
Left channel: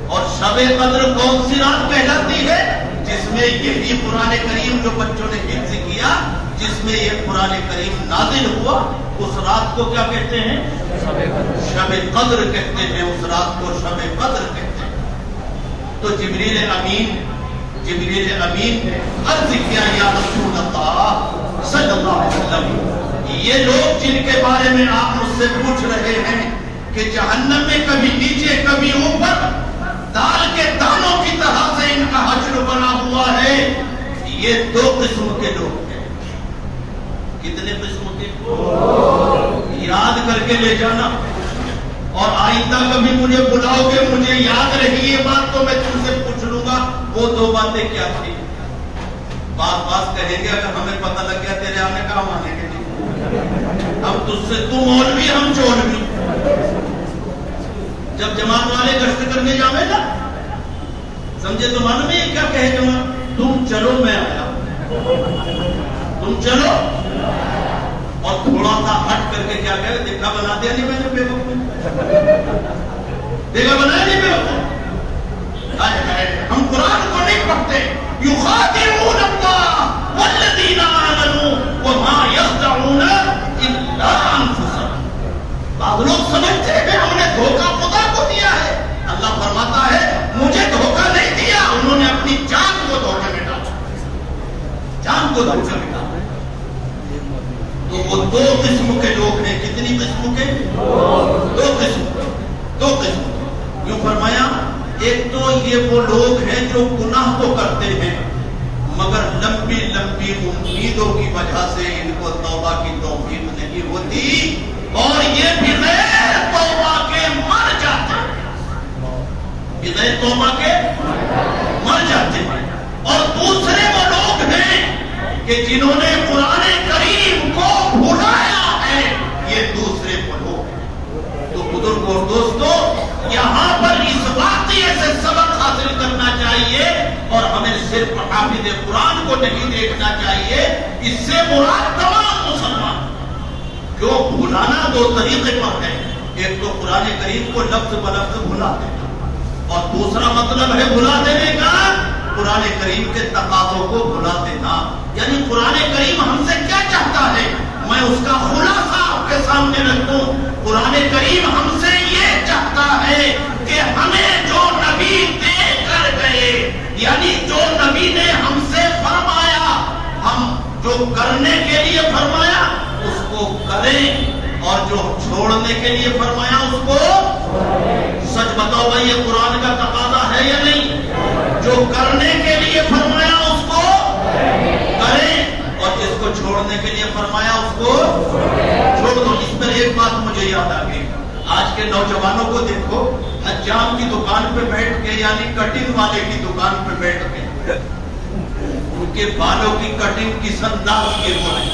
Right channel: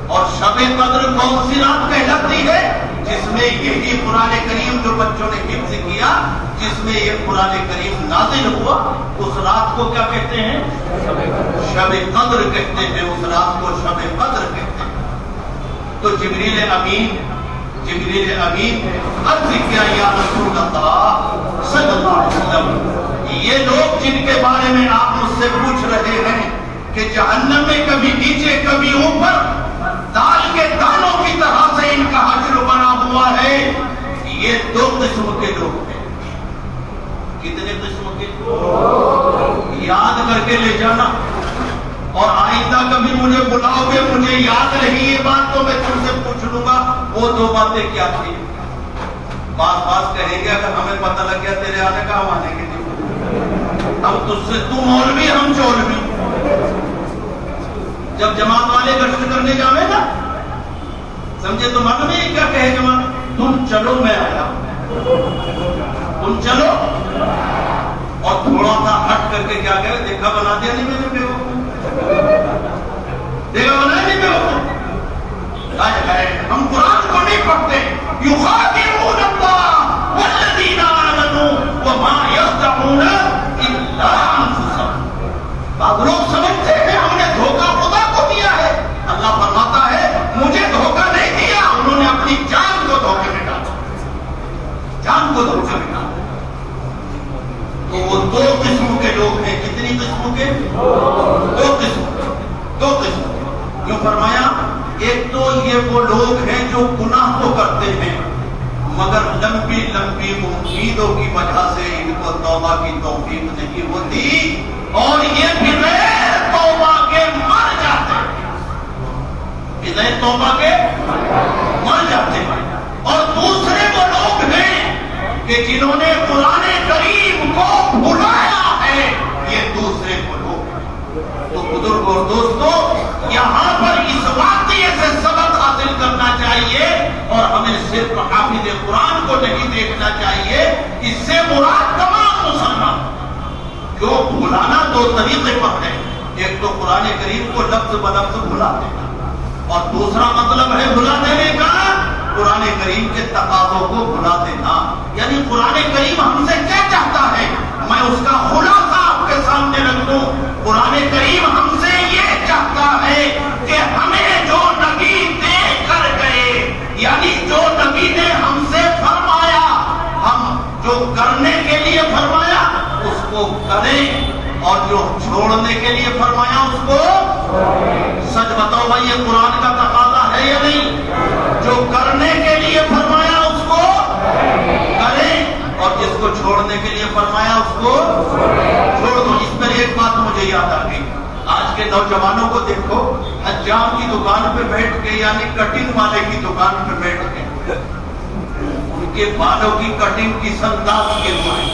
اور شب قدر کون سی رات کہلاتی ہے؟ جس میں یہی قرآن کریم جو بچوں نے حفظ کیا, جس میں یہ قرآن کریم نازل ہوا, اس رات کو کیا کہتے ہیں؟ شب قدر کہتے ہیں. اس رات کو شب قدر کہتے ہیں. تو جبریل امین عرض کیا یا رسول اللہ صلی اللہ علیہ وسلم یہ لوگ جن کے بارے میں آپ مجھ سے پوچھ رہے ہیں کہ جہنم میں کبھی نیچے کبھی اوپر دال کے دانوں کی طرح سے ان کا حشر بنا ہوا ہے, یہ 2 قسم کے لوگ ہیں. کتنے قسم کے؟ یاد کر کے لے جانا. اور آئندہ کبھی مجھے بلاؤ گے مجھے یاد رہی یہ بات تو میں تم سے پوچھ لوں گا وہ 2 باتیں کیا تھی. بات کہیں گے اگر ہمیں پتہ لگ گیا تیرے آنے کا ہم آنے کے لیے. اب تجھ سے تم مولوی ہم چولوی. جب جماعت والے گشت کرنے جاوے نا سمجھے تو معلوم ہے کیا کہے جماعت؟ تم چلو میں آیا. تم چلو اور تھوڑا سا ہٹ کر کے کیا کہے دیکھا بنا دیا نہیں میں نے بیوقوف. دیکھا بنایا نہیں بیوقوف. ہم قرآن کو نہیں پڑھتے. یخادعون اللہ والذین آمنوا وما یخدعون الا انفسهم. بعض لوگ سمجھتے ہیں ہم نے دھوکہ خدا کو دیا ہے. اللہ فرماتا ہے مجھے دھوکہ نہیں دیا, انہوں نے اپنی جان کو دھوکے میں ڈالا. جان کو دھوکے میں ڈالا. تو وہ 2 قسم کے لوگ ہیں. کتنی قسم کے؟ 2 قسم. یوں فرمایا ایک تو یہ وہ لوگ ہیں جو گناہ تو کرتے ہیں مگر لمبی امیدوں کی وجہ سے ان کو توبہ کی توفیق نہیں ہوتی اور یہ بغیر توبہ کے مر جاتے ہیں. بغیر توبہ کے مر جاتے ہیں. اور دوسرے وہ لوگ ہیں کہ جنہوں نے قرآن کریم کو بھلایا ہے, یہ دوسرے وہ لوگ ہیں. تو بزرگ اور دوستو یہاں پر اس واقعے سے سبق حاصل کرنا چاہیے اور ہمیں صرف حافظ قرآن کو نہیں دیکھنا چاہیے. اس سے مراد تمام مسلمان. کیوں بھلانا 2 طریقے پر ہے. ایک تو قرآن کریم کو لفظ بلفظ بھلا دینا اور دوسرا مطلب ہے بھلا دینے کا قرآن کریم کے تقاضوں کو بھلا دینا. یعنی قرآن کریم ہم سے کیا چاہتا ہے میں اس کا خلاصہ آپ کے سامنے رکھ دوں. قرآن کریم ہم سے یہ چاہتا ہے کہ ہمیں جو نبی دے کر گئے یعنی جو نبی نے ہم سے فرمایا ہم جو کرنے کے لیے فرمایا اس کو کریں اور جو چھوڑنے کے لیے فرمایا اس کو. سچ بتاؤ بھائی یہ قرآن کا تقاضا ہے یا نہیں؟ جو کرنے کے لیے فرمایا اس کو کریں اور جس کو چھوڑنے کے لیے فرمایا اس کو چھوڑ دو. اس پر ایک بات مجھے یاد آ گئی. آج کے نوجوانوں کو دیکھو، حجام کی دکان پہ بیٹھ کے یعنی کٹنگ والے کی دکان پہ بیٹھ کے ان کے بالوں کی کٹنگ کس انداز کے ہوئے.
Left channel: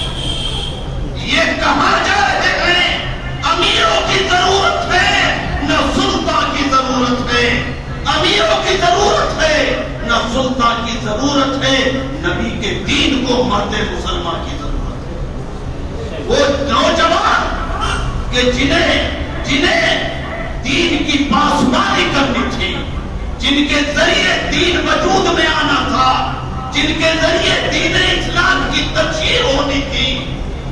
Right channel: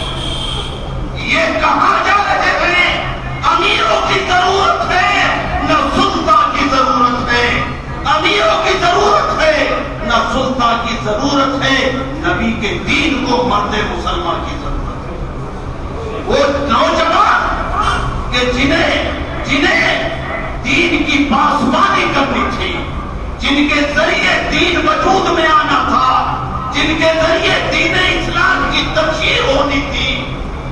یہ کہاں جا رہے ہیں؟ امیروں کی ضرورت ہے نہ سلطان کی ضرورت ہے. امیروں کی ضرورت ہے نہ سلطان کی ضرورت ہے. نبی کے دین کو مرد مسلمان کی ضرورت ہے. وہ نوجوان کہ جنہیں دین کی پاسبانی کرنی تھی، جن کے ذریعے دین وجود میں آنا تھا، جن کے ذریعے دین اسلام کی تشہیر ہونی تھی،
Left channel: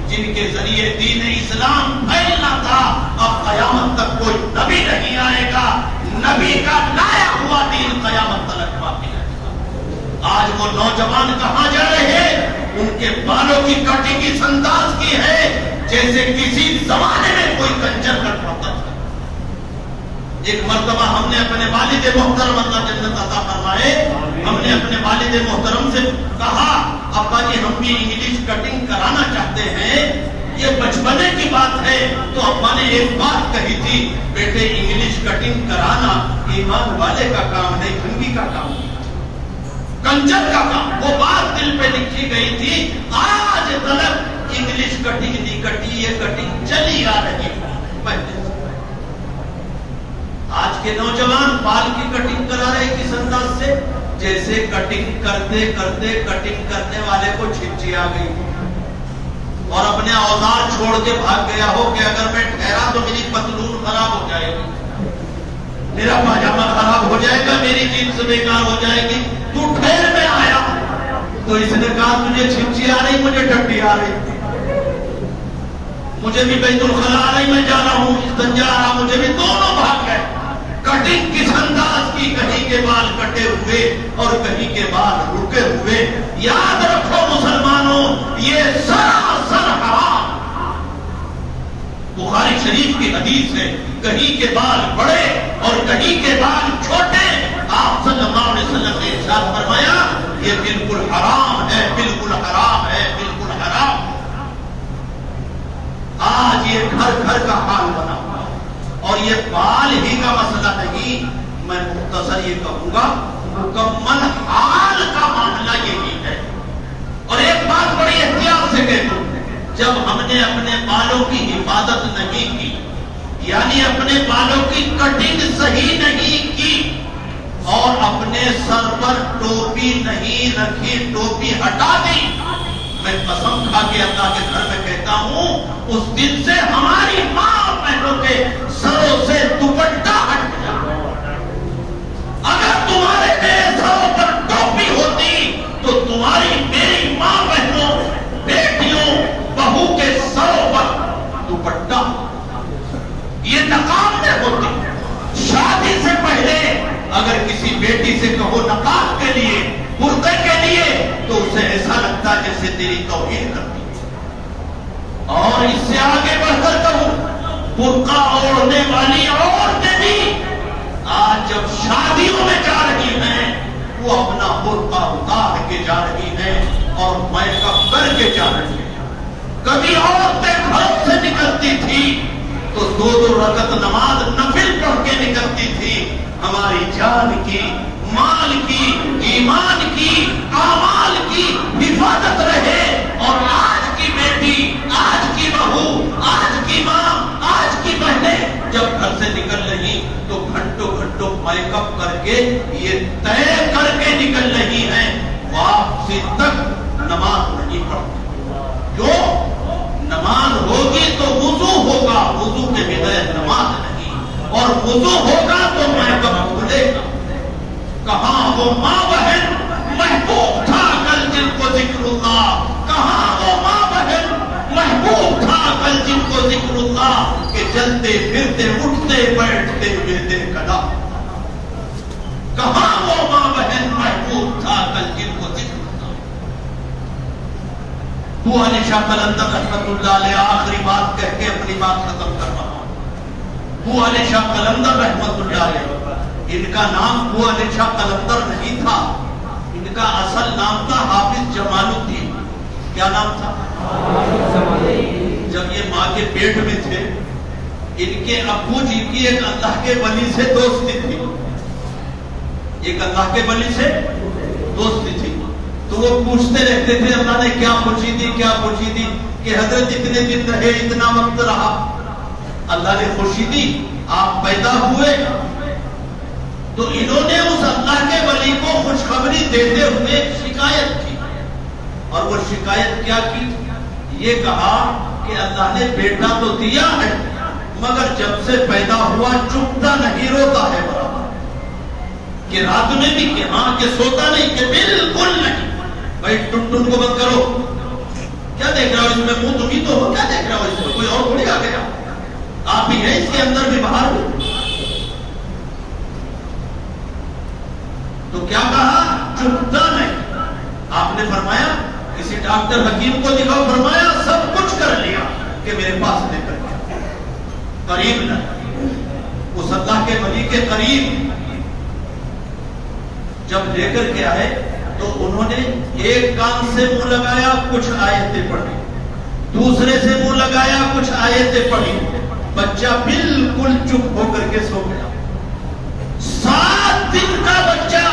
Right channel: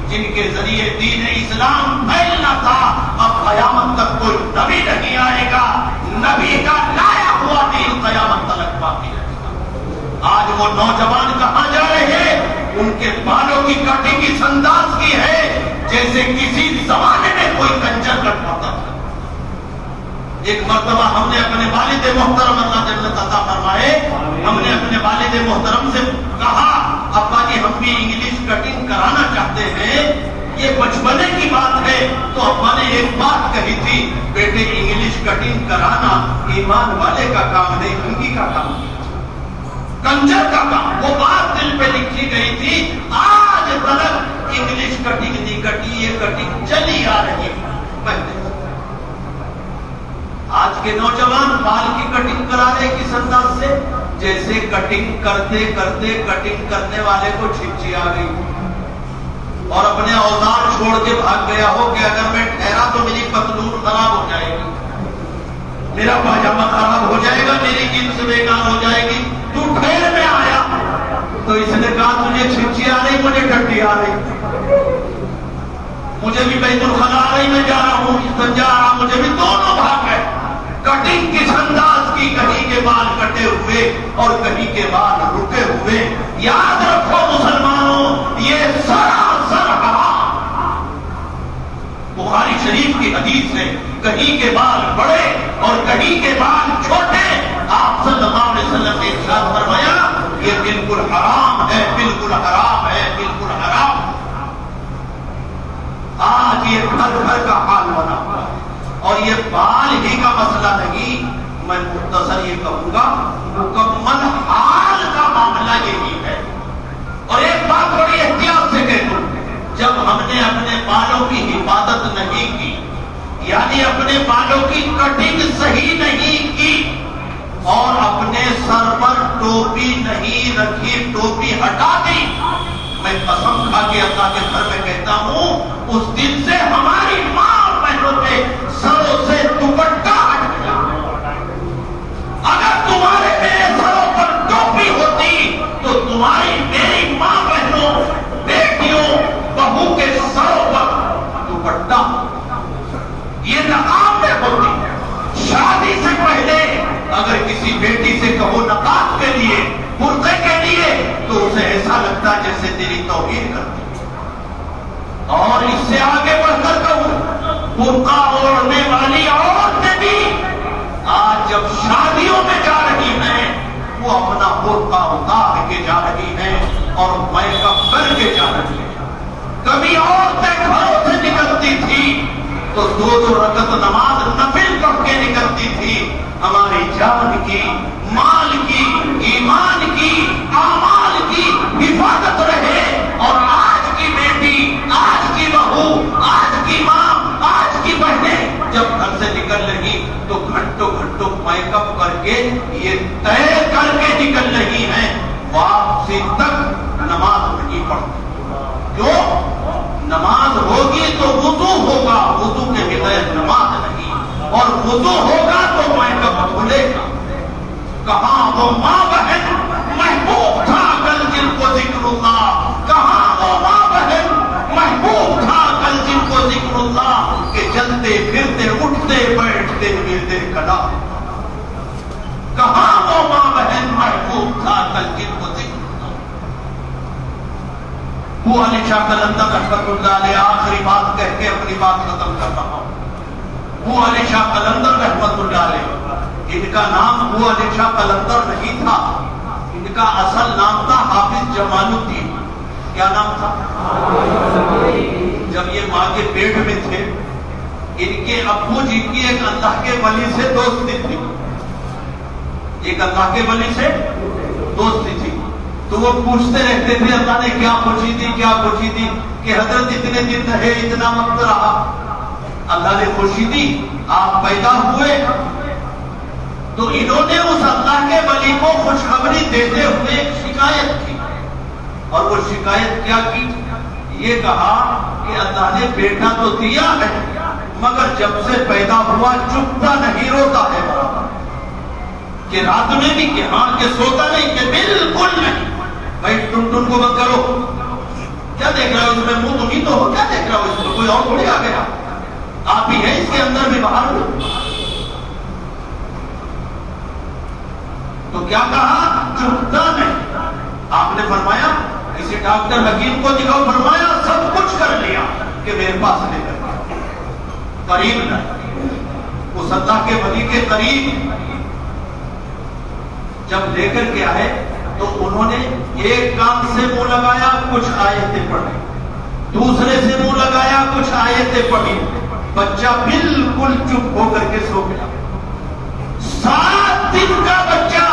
جن کے ذریعے دین اسلام پھیلنا تھا. اب قیامت تک کوئی نبی نہیں آئے گا. نبی کا لایا ہوا دین قیامت تک باقی رہے گا. آج وہ نوجوان کہاں جا رہے ہیں؟ ان کے بالوں کی کٹنگ اس انداز کی ہے جیسے کسی زمانے میں کوئی کنجر کٹواتا تھا. ایک مرتبہ ہم نے اپنے والد محترم اللہ جنت عطا فرمائے، ہم نے اپنے والد محترم سے کہا ابا جی ہم بھی انگلش کٹنگ کرانا چاہتے ہیں، یہ بچپنے کی بات ہے. تو ابا نے ایک بات کہی تھی، بیٹے انگلش کٹنگ کرانا ایمان والے کا کام نہیں، ہندی کا کام، کنجر کا کام. وہ بات دل پہ لکھی گئی تھی. آج تک انگلش کٹنگ نہیں کٹی، یہ کٹنگ چلی آ رہی ہے. آج کے نوجوان بال کی کٹنگ کرا رہے کس انداز سے؟ جیسے کٹنگ کرتے کرتے کٹنگ کرنے والے کو چھچی آ گئی اور اپنے اوزار چھوڑ کے بھاگ گیا ہو کہ اگر میں ٹھہرا تو میری پتلون خراب ہو جائے گی، میرا پاجامہ خراب ہو جائے گا، میری جنس بیکار ہو جائے گی. تو ٹھہر میں آیا تو اس نے کہا مجھے چھچی آ رہی، مجھے ٹٹی آ رہی، مجھے بھی بیت الخلا آ رہی، میں جا رہا ہوں، استنجا آ رہا، مجھے بھی. دونوں بھاگ گئے. کٹنگ کس انداز کی؟ کہیں کے بال کٹے ہوئے اور کہیں کے بال رکے ہوئے. یاد رکھو مسلمانوں، یہ سراسر حرام. بخاری شریف کی حدیث ہے، کہیں کے بال بڑے اور کہیں کے بال چھوٹے. آپ صلی اللہ علیہ وسلم نے ارشاد فرمایا یہ بالکل حرام ہے، بالکل حرام ہے، بالکل حرام. آج یہ گھر گھر کا حال بنا ہوا ہے. اور یہ بال ہی کا مسئلہ نہیں، میں مختصر یہ کہوں گا مکمل حال کا معاملہ یہی ہے. اور ایک بات بڑی احتیاط سے کہہ دوں، جب ہم نے اپنے بالوں کی حفاظت نہیں کی، یعنی اپنے بالوں کی کٹنگ صحیح نہیں کی اور اپنے سر پر ٹوپی نہیں رکھی، ٹوپی ہٹا دی، میں قسم کھا کے اللہ کے گھر میں کہتا ہوں اس دن سے ہماری ماں اور بہنوں کے سروں سے دوپٹہ ہٹ گیا. اگر تمہارے میرے سروں پر ٹوپی ہوتی تو تمہاری میری ماں بہنوں، بیٹیوں، بہو کے سروں پر دوپٹہ، یہ نقاب میں ہوتی. شادی سے پہلے اگر کسی بیٹی سے کہو نقاب کے لیے، برقعے کے لیے، تو اسے ایسا لگتا ہے جیسے تیری توہین کرتی. اور اس سے آگے بڑھ کر کہوں، برقع اوڑھنے والی عورتیں بھی آج جب شادیوں میں جا رہی ہیں وہ اپنا برقع اتار کے جا رہی ہیں اور میک اپ کر کے جا رہی ہیں. کبھی عورتیں گھروں سے نکلتی تھی تو 2 رکعت نماز نفل پڑھ کے نکلتی تھی. ہماری جان کی، مال کی، ایمان کی، اعمال کی حفاظت رہے. اور آج کی بیٹی، آج کی بہو، آج کی ماں، آج کی بہنیں جب گھر سے نکل رہی تو گھنٹوں گھنٹوں میک اپ کر کے یہ طے کر کے نکل رہی ہیں واپسی تک نماز نہیں پڑھتی. کیوں؟ نماز ہوگی تو وضو ہوگا، وضو کے بغیر نماز نہیں. اور وضو ہوگا تو میک اپ کھلے گا. کہاں وہ ماں بہن محبوب تھا کل جن کو ذکر اللہ، کہاں وہ ماں بہن محبوب تھا کل جن کو ذکر اللہ، کہ چلتے پھرتے اٹھتے بیٹھتے ملتے کلا. کہاں وہ ماں بہن محبوب تھا کل جن کو ذکر اللہ. وہ علی شاہ قلندر رحمۃ اللہ علیہ، آخری بات کہہ کے اپنی بات ختم کر رہا ہوں. وہ علی شاہ قلندر رحمۃ اللہ علیہ، ان کا نام وہ علی شاہ قلندر نہیں تھا، ان کا اصل نام تھا حافظ جمال الدین. کیا نام تھا؟ جب یہ ماں کے پیٹ میں تھے ان کے ابو جی کی ایک اللہ کے ولی سے دوستی تھی، ایک اللہ کے ولی سے دوستی تھی. تو وہ پوچھتے رہتے تھے اللہ نے کیا خوشی دی، کیا خوشی دی، کہ حضرت اتنے دن رہے، اتنا وقت رہا، اللہ نے خوشی دی، آپ پیدا ہوئے. تو انہوں نے اس اللہ کے ولی کو خوشخبری دیتے ہوئے شکایت کی. اور وہ شکایت کیا کی؟ یہ کہا کہ اللہ نے بیٹا تو دیا ہے مگر جب سے پیدا ہوا چپتا نہیں، روتا ہے برابر. کہ رات میں بھی کہ ہاں، کہ سوتا نہیں، کہ بالکل نہیں. بھائی ٹن ٹن کو بند کرو، کیا دیکھ رہا ہو اس میں؟ منہ تم ہی تو ہو، کیا دیکھ رہا ہو اس میں؟ کوئی اور تھوڑی آ گیا، آپ ہی ہیں اس کے اندر بھی باہر بھی. تو کیا کہا؟ چپتا نہیں. آپ نے فرمایا کسی ڈاکٹر حکیم کو دکھاؤ، فرمایا سب کچھ کر لیا کہ میرے پاس لے کر کے قریب نہ، اس اللہ کے ولی کے قریب جب لے کر کے آئے تو انہوں نے ایک کان سے منہ لگایا، کچھ آیتیں پڑھی، دوسرے سے منہ لگایا، کچھ آیتیں پڑھی. بچہ بالکل چپ ہو کر کے سو گیا. 7 دن کا بچہ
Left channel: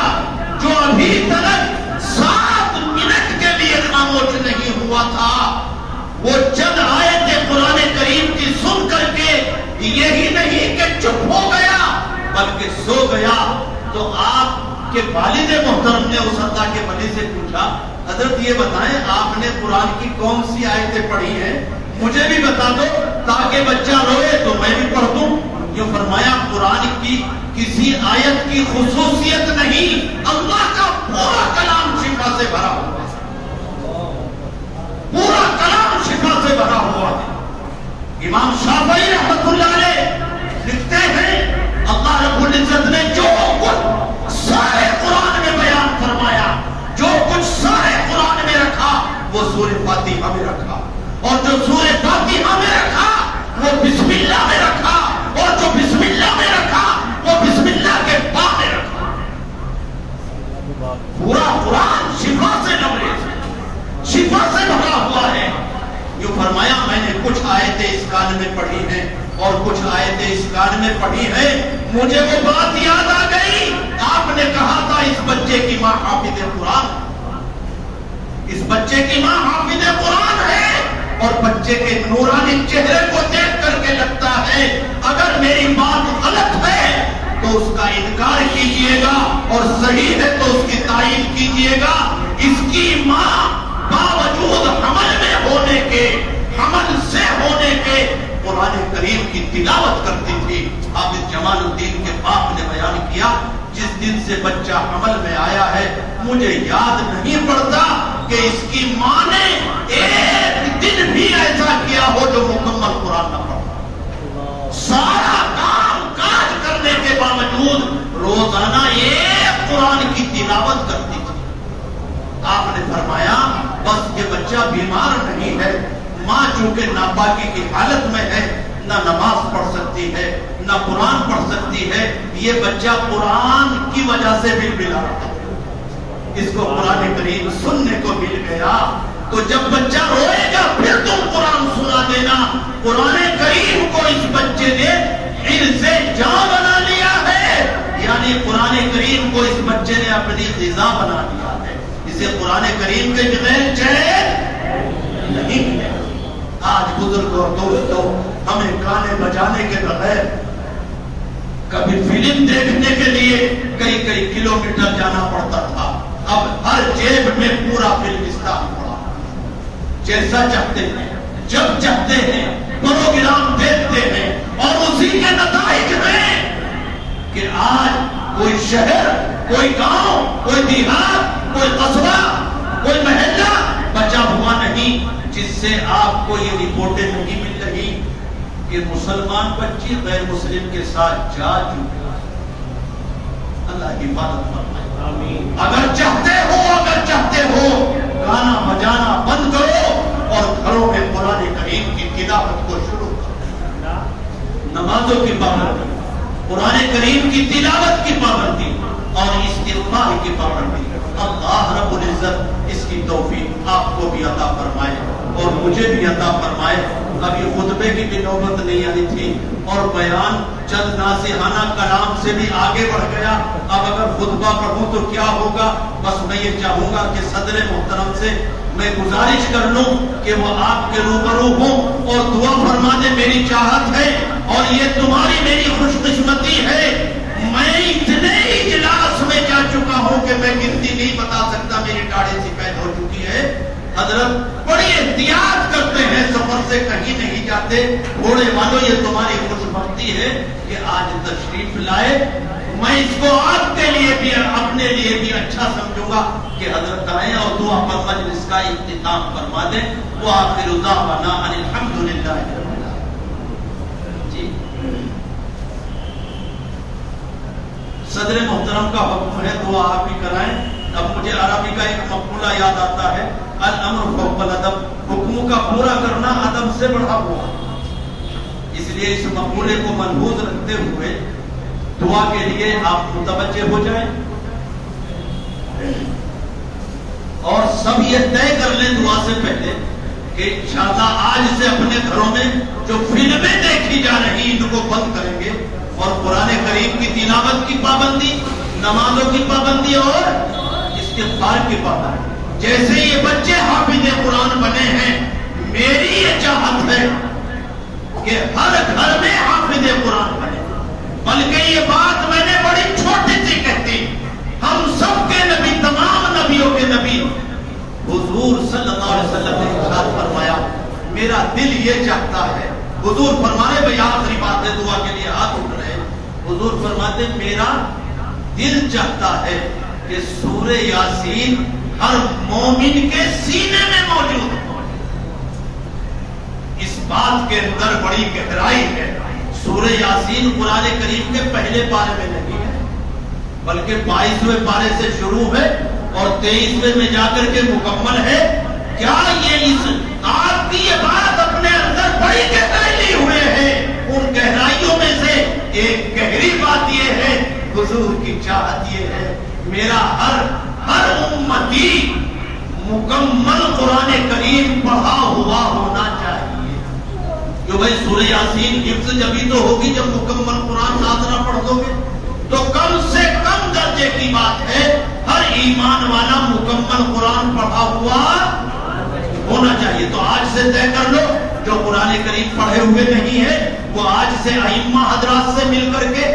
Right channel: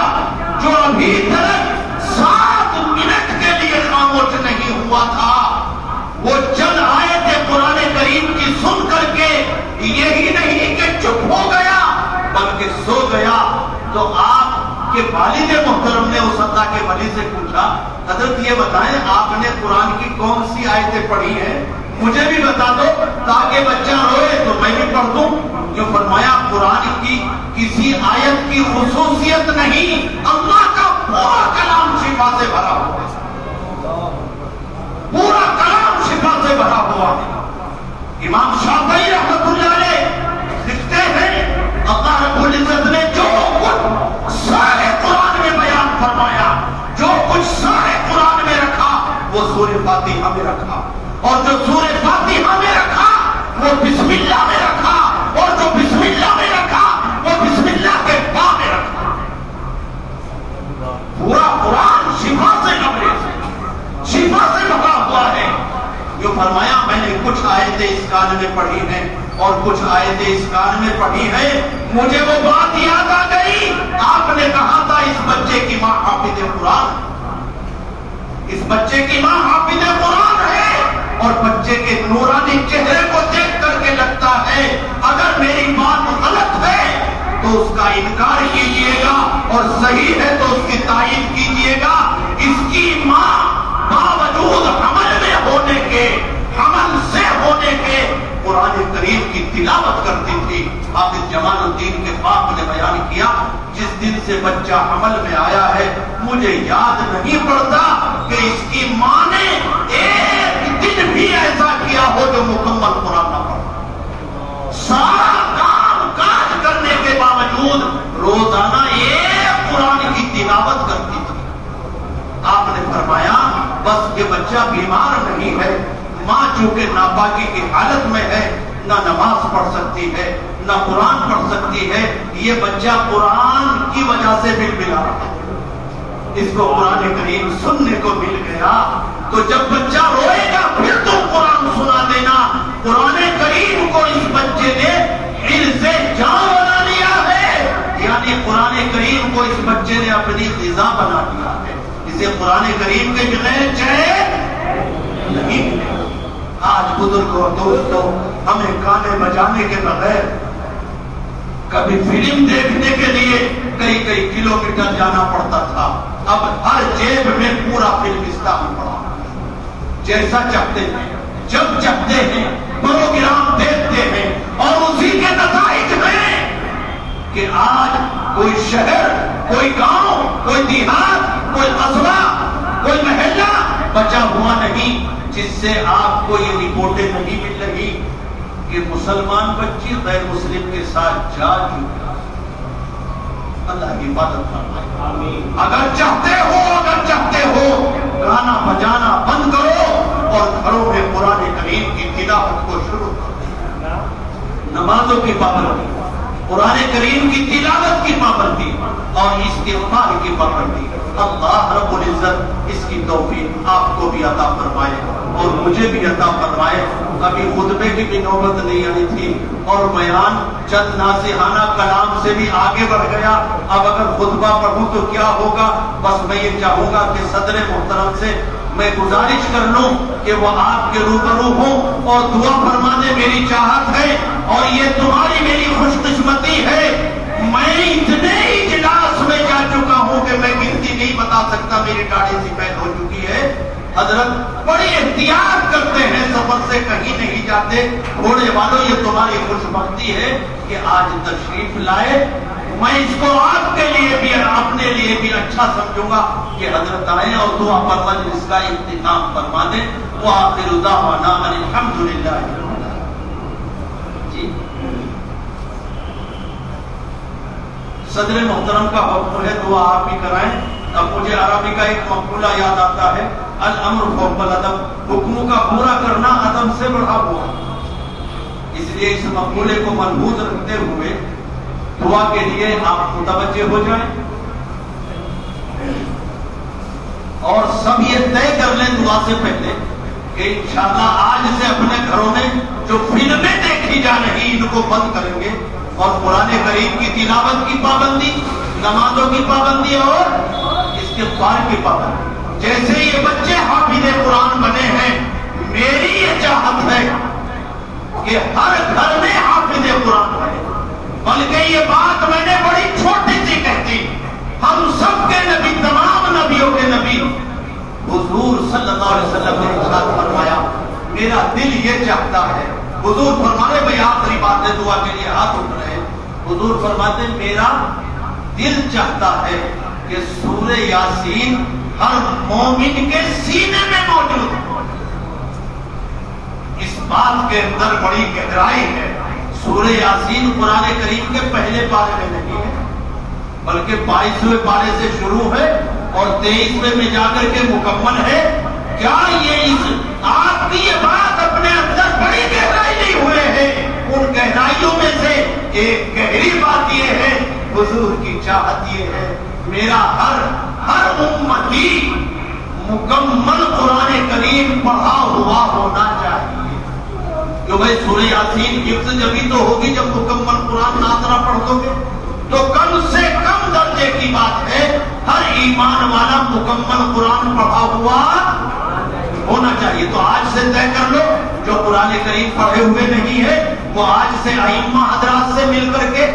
جو ابھی تک 7 منٹ کے لیے خاموش نہیں ہوا تھا، وہ چند آیتیں قرآن کریم کی سن کر کے یہی نہیں کہ چپ ہو گیا بلکہ سو گیا. تو آپ کہ والد محترم نے اس اللہ کے ولی سے پوچھا، حضرت یہ بتائیں آپ نے قرآن کی کون سی آیتیں پڑھی ہیں، مجھے بھی بتا دو تاکہ بچہ روئے تو میں بھی پڑھ دوں. جو فرمایا قرآن کی کسی آیت کی خصوصیت نہیں، اللہ کا پورا کلام شفا سے بھرا ہوا ہے، پورا کلام شفا سے بھرا ہوا ہے. امام شافعی رحمۃ اللہ علیہ لکھتے ہیں اللہ رب العزت نے جو کچھ سارے قرآن میں بیان فرمایا، جو کچھ سارے قرآن میں رکھا وہ سورہ فاتحہ میں رکھا، اور جو سورہ فاتحہ میں رکھا وہ بسم اللہ میں رکھا، اور جو بسم اللہ میں رکھا وہ بسم اللہ کے با میں رکھا. پورا قرآن شفا سے لبریز، شفا سے بھرا ہوا ہے. جو فرمایا میں نے کچھ آیتیں اس کان میں پڑھی ہیں اور کچھ آیتیں اس کان میں پڑھی ہیں، مجھے وہ بات یاد آ گئی. آپ نے کہا تھا اس بچے کی ماں حافظ قرآن، اس بچے کی ماں حافظ قرآن ہے، اور بچے کے نورانی چہرے کو دیکھ کر کے لگتا ہے اگر میری بات غلط ہے تو اس کا انکار کیجئے گا، اور صحیح ہے تو اس کی تائید کیجئے گا. اس کی ماں باوجود حمل میں ہونے کے، حمل سے ہونے کے، قرآن کریم کی تلاوت کرتی تھی. حافظ جمال الدین کے باپ نے بیان کیا جس دن سے بچہ حمل میں آیا ہے مجھے یاد نہیں پڑتا کہ اس کی ماں نے ایک دن بھی ایسا کیا ہو جو مکمل قرآن نہ پڑھا. سارا کام کاج کرنے کے باوجود روزانہ ایک قرآن کی تلاوت کرتی تھی. آپ نے فرمایا بس یہ بچہ بیمار نہیں ہے، ماں چونکہ ناپاکی کی حالت میں ہے، نہ نماز پڑھ سکتی ہے نہ قرآن پڑھ سکتی ہے، یہ بچہ قرآن کی وجہ سے بلبلا رہا ہے. اس کو قرآن کریم سننے کو مل گیا. تو جب بچہ روئے گا پھر تم قرآن سنا دینا. قرآن کریم کو اس بچے نے حرز جاں بنا لیا ہے، یعنی قرآن کریم کو اس بچے نے اپنی غذا بنا لیا ہے. اسے قرآن کریم کے بغیر چین نہیں. آج بزرگوں دوستوں ہمیں گانے بجانے کے بغیر کبھی فلم دیکھنے کے لیے کئی کئی کلومیٹر جانا پڑتا تھا. اب ہر جیب میں پورا فلمستان پڑا، جیسا چاہتے ہیں جب چاہتے ہیں پروگرام دیکھتے ہیں، اور اسی کے نتائج میں کہ آج کوئی شہر، کوئی گاؤں، کوئی دیہات، کوئی قصبہ، کوئی محلہ بچا ہوا نہیں جس سے آپ کو یہ رپورٹیں نہیں مل رہی کہ مسلمان بچی غیر مسلم کے ساتھ جا چکا. اللہ کی عبادت فرمائے. اگر چاہتے ہو گانا بجانا بند کرو اور گھروں میں قرآن کریم کی تلاوت کو شروع کرو. نمازوں کی پابندی، قرآن کریم کی تلاوت کی پابندی اور استغفار کی پابندی. اللہ رب العزت اس کی توفیق آپ کو بھی عطا فرمائے اور مجھے بھی عطا فرمائے۔ ابھی خطبے کی بھی نوبت نہیں آئی تھی اور بیان چند ناصحانہ کلام سے بھی آگے بڑھ گیا۔ اب اگر خطبہ پڑھوں تو کیا ہوگا؟ بس میں یہ چاہوں گا کہ صدر محترم سے میں گزارش کر لوں کہ وہ آپ کے روبرو ہوں اور دعا فرما دے۔ میری چاہت ہے اور یہ تمہاری میری خوش قسمتی ہے، میں اتنے اجلاس میں جا چکا ہوں کہ میں گنتی نہیں بتا سکتا، میری داڑھی سفید ہو چکی ہے۔ حضرت بڑی احتیاط کرتے ہیں، سفر سے کہیں نہیں جاتے۔ گھوڑے والوں یہ تمہاری خوش بختی ہے کہ آج تشریف لائے۔ میں اس کو آپ کے لیے بھی اپنے لیے بھی اچھا سمجھوں گا کہ حضرت آئے اور دعا پر مجلس کا اختتام فرما دیں۔ وآخر دعوانا ان الحمدللہ۔ جی صدر محترم کا حکم ہے، دعا آپ ہی کرائیں۔ اب مجھے عربی کا ایک مقولہ یاد آتا ہے، الامر فوق الادب، حکموں کا پورا کرنا ادب سے بڑھا ہوا۔ اس لیے اس مقولے کو ملحوظ رکھتے ہوئے دعا کے لیے آپ متوجہ ہو جائیں اور سب یہ طے کر لیں دعا سے پہلے کہ انشاءاللہ آج سے اپنے گھروں میں جو فلمیں دیکھی جا رہی ان کو بند کریں گے اور قرآن کریم کی تلاوت کی پابندی، نمازوں کی پابندی اور استغفار کی پابندی۔ جیسے یہ بچے حافظ قرآن بنے ہیں، میری یہ چاہت ہے کہ ہر گھر میں حافظ قرآن بنے۔ بلکہ یہ بات میں نے بڑی چھوٹی سی کہتی، ہم سب کے نبی، تمام نبیوں کے نبی حضور صلی اللہ علیہ وسلم نے ارشاد فرمایا، میرا دل یہ چاہتا ہے۔ حضور فرمانے بھائی آخری بات ہے، دعا کے لیے ہاتھ اٹھ رہے ہیں۔ حضور فرماتے میرا دل چاہتا ہے کہ سورہ یاسین ہر مومن کے سینے میں موجود ہے۔ اس بات کے اندر بڑی گہرائی ہے۔ سورہ یاسین قرآن کریم کے پہلے پارے میں نہیں ہے، بلکہ 22ویں پارے سے شروع ہے اور 23ویں میں جا کر کے مکمل ہے۔ کیا یہ اس آپ کی یہ بات اپنے اندر بڑی گہرائی لی ہوئے ہے؟ ان گہرائیوں میں سے ایک گہری بات یہ ہے، حضور کی چاہت یہ ہے میرا ہر امتی مکمل قرآن کریم پڑھا ہوا ہونا چاہیے۔ جو بھائی سورہ یاسین حفظ جبھی تو ہوگی جب مکمل قرآن ناظرہ پڑھ دو گے، تو کم سے کم درجے کی بات ہے ہر ایمان والا مکمل قرآن پڑھا ہوا ہونا چاہیے۔ تو آج سے طے کر لو، جو قرآن کریم پڑھے ہوئے نہیں ہے وہ آج سے ائمہ حضرات سے مل کر کے،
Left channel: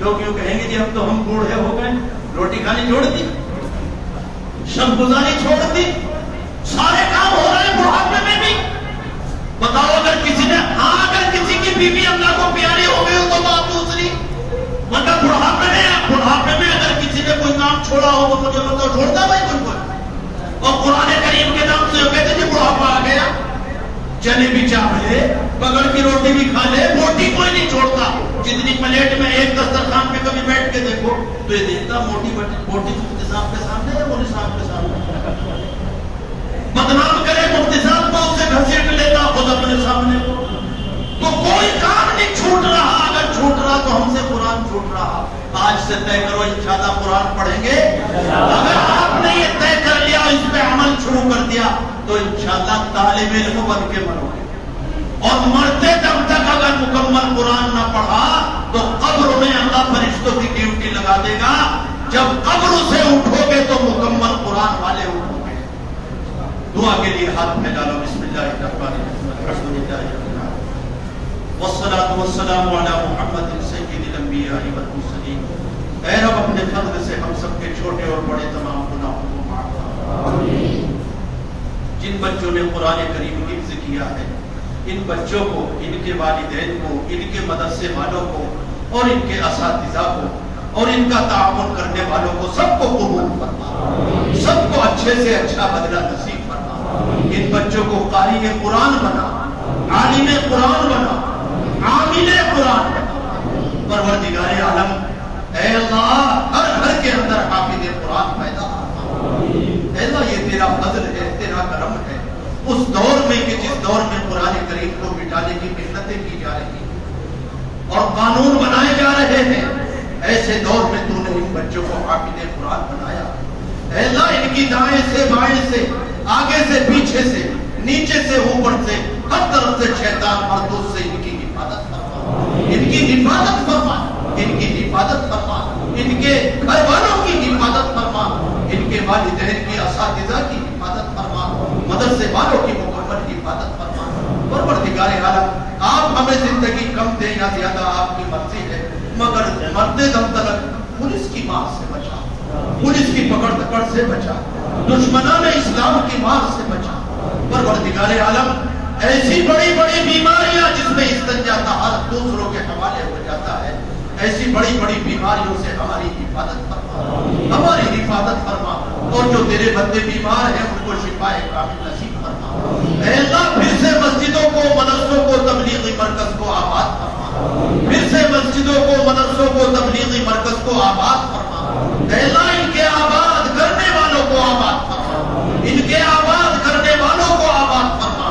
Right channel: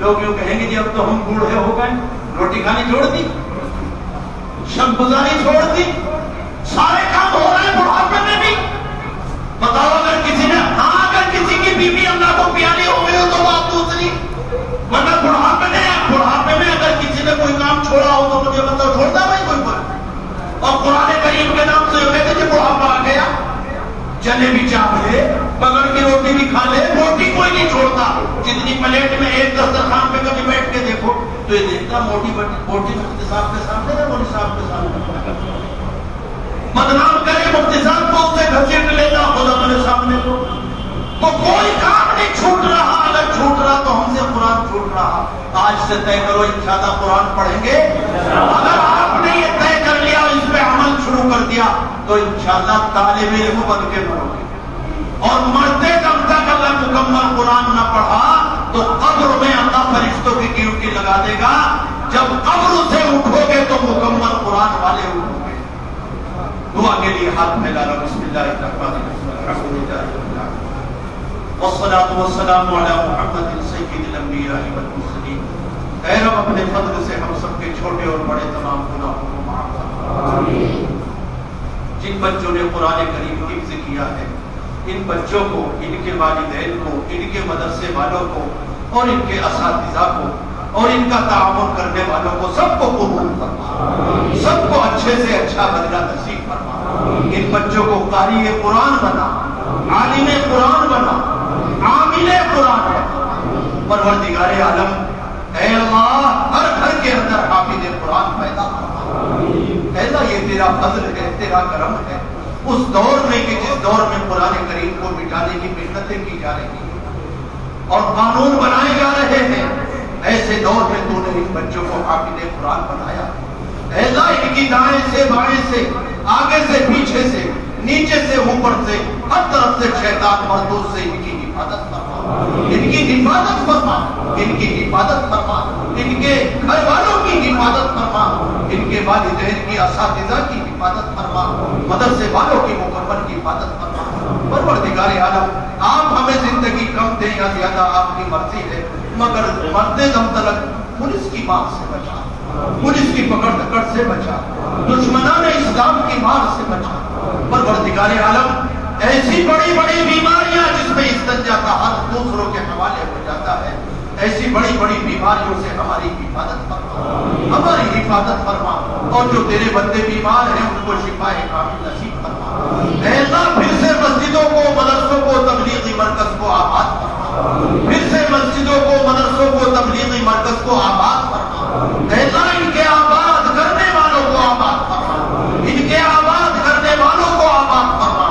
لوگ یوں کہیں گے جی اب تو ہم بوڑھے ہو گئے، روٹی کھانی چھوڑ دی، شب گزاری چھوڑ دی، سارے کام ہو رہے ہیں بڑھاپے میں بھی۔ بتاؤ اگر کسی نے اگر کسی کی بیوی اللہ کو پیاری ہو گئی ہو تو بات دوسری، مگر بڑھاپے میں اگر کسی نے کوئی کام چھوڑا ہو تو مجھے بتاؤ چھوڑتا بھائی کوئی؟ اور قرآن کریم کے نام سے کہتے جی بڑھاپا آ گیا، چنے بھی چاہ لے، بغل کی روٹی بھی کھا لے، روٹی کوئی نہیں چھوڑتا۔ جتنی پلیٹ میں ایک دسترخوان پہ کبھی بیٹھ کے دیکھو تو یہ دیکھتا موٹی مفتی صاحب کے سامنے یا مولوی صاحب کے سامنے، بدنام کرے مفتی صاحب کو، اسے گھسیٹ لیتا خود اپنے سامنے کو۔ تو کوئی کام نہیں چھوٹ رہا، اگر چھوٹ رہا تو ہم سے قرآن چھوٹ رہا۔ آج سے طے کرو انشاءاللہ قرآن پڑھیں گے۔ اگر آپ نے یہ طے کر لیا اور اس پہ عمل شروع کر دیا تو انشاءاللہ طالب علم بن کے مرو گے، اور مرتے دم تک اگر مکمل قرآن نہ پڑھا تو قبر میں اللہ فرشتوں کی ڈیوٹی لگا دے گا، جب قبر سے اٹھو گے تو مکمل قرآن والے اٹھو گے۔ دعا کے لیے ہاتھ پھیلا لو، بسم اللہ الرحمن الرحیم، الحمدللہ والصلاة والسلام علی محمد سید الانبیاء والمرسلین۔ اے رب اپنے فضل سے ہم سب کے چھوٹے اور بڑے تمام گناہوں کو معاف فرما۔ جن بچوں نے قرآن کریم حفظ کیا ہے ان بچوں کو، ان کے والدین کو، ان کے مدرسے والوں کو اور ان کے اساتذہ کو اور ان کا تعاون کرنے والوں کو سب کو قبول فرما، سب کو اچھے سے اچھا بدلہ نصیب فرما۔ ان بچوں کو قاری قرآن بنا، عالم قرآن بنا، عامل قرآن بنا۔ پروردگار عالم اے اللہ ہر گھر کے اندر حافظ قرآن پیدا فرما۔ اے اللہ یہ تیرا فضل ہے، تیرا کرم ہے، اس دور میں کہ جس دور میں قرآن کریم کو مٹانے کی محنتیں کی جا رہی ہیں اور قانون بنائے جا رہے ہیں، ایسے دور میں تو نے ان بچوں کو حافظ قرآن بنایا۔ اے اللہ ان کی دائیں سے بائیں سے، آگے سے پیچھے سے، نیچے سے اوپر سے ہر طرف سے شیطان مردود سے ان کی حفاظت فرما، ان کی حفاظت فرما، ان کی حفاظت فرما، ان کے گھر والوں کی حفاظت فرما، ان کے والدین کی اساتذہ کی حفاظت فرما، مدرسے والوں کی مکمل حفاظت فرما۔ پروردگار عالم آپ ہمیں زندگی کم دیں یا زیادہ آپ کی مرضی ہے، مگر مرتے دم تک پولیس کی مار سے بچا، پولیس کی پکڑ دکڑ سے بچا، دشمنان اسلام کی مار سے بچا۔ پروردگار عالم ایسی بڑی بڑی بیماریاں جس میں استنجا کا حق دوسروں کے حوالے ہو جاتا ہے، ایسی بڑی بڑی بیماریوں سے ہماری حفاظت فرما، ہماری حفاظت فرما، اور جو تیرے بندے بیمار ہیں ان کو شفا کامل نصیب فرما۔ اے اللہ پھر سے مسجدوں کو، مدرسوں کو، تبلیغی مرکز کو آباد فرما، پھر سے مسجدوں کو، مدرسوں کو، تبلیغی مرکز کو آباد فرما۔ اے اللہ ان کے آباد کرنے والوں کو آباد فرما، ان کے آباد کرنے والوں کو آباد فرما،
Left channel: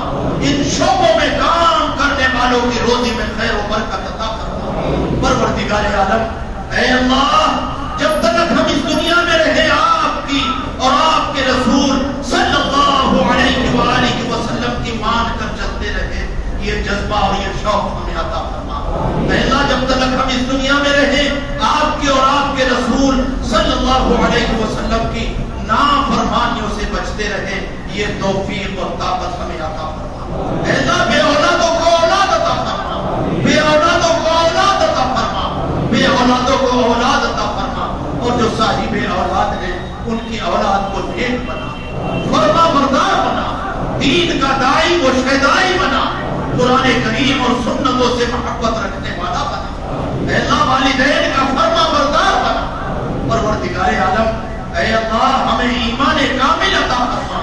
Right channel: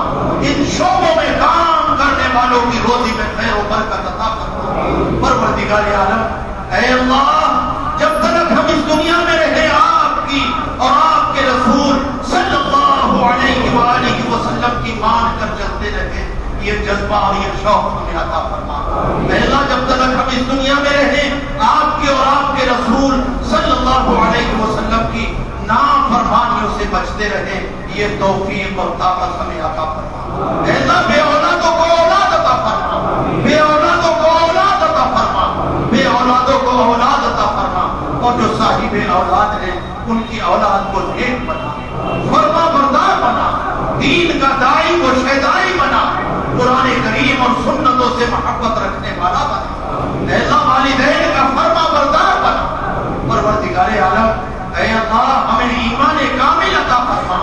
ان شعبوں میں کام کرنے والوں کی روزی میں خیر و برکت عطا فرما۔ پروردگار عالم اے اللہ جب تک ہم اس دنیا میں رہے آپ کی اور آپ کے رسول صلی اللہ علیہ وآلہ وسلم کی مان کر چلتے رہے، یہ جذبہ اور یہ شوق ہمیں عطا فرما۔ اے اللہ جب تک ہم اس دنیا میں رہے آپ کی اور آپ کے رسول صلی اللہ علیہ وسلم کی نافرمانیوں سے بچتے رہے، یہ توفیق اور طاقت ہمیں عطا فرما۔ اے اللہ بے اولادوں کو اولاد عطا فرما، بے اولادوں کو اولاد عطا فرما، بے اولادوں کو اولاد عطا فرما، اور جو صاحب اولاد ہیں ان کی اولاد کو نیک بنا، فرما بردار بنا، دین کا داعی و شیدائی بنا، قرآن کریم اور سنتوں سے محبت رکھنے والا بنا۔ اے اللہ والدین کا فرما بردار بنا۔ پروردگار عالم اے اللہ ہمیں ایمان کامل عطا فرما،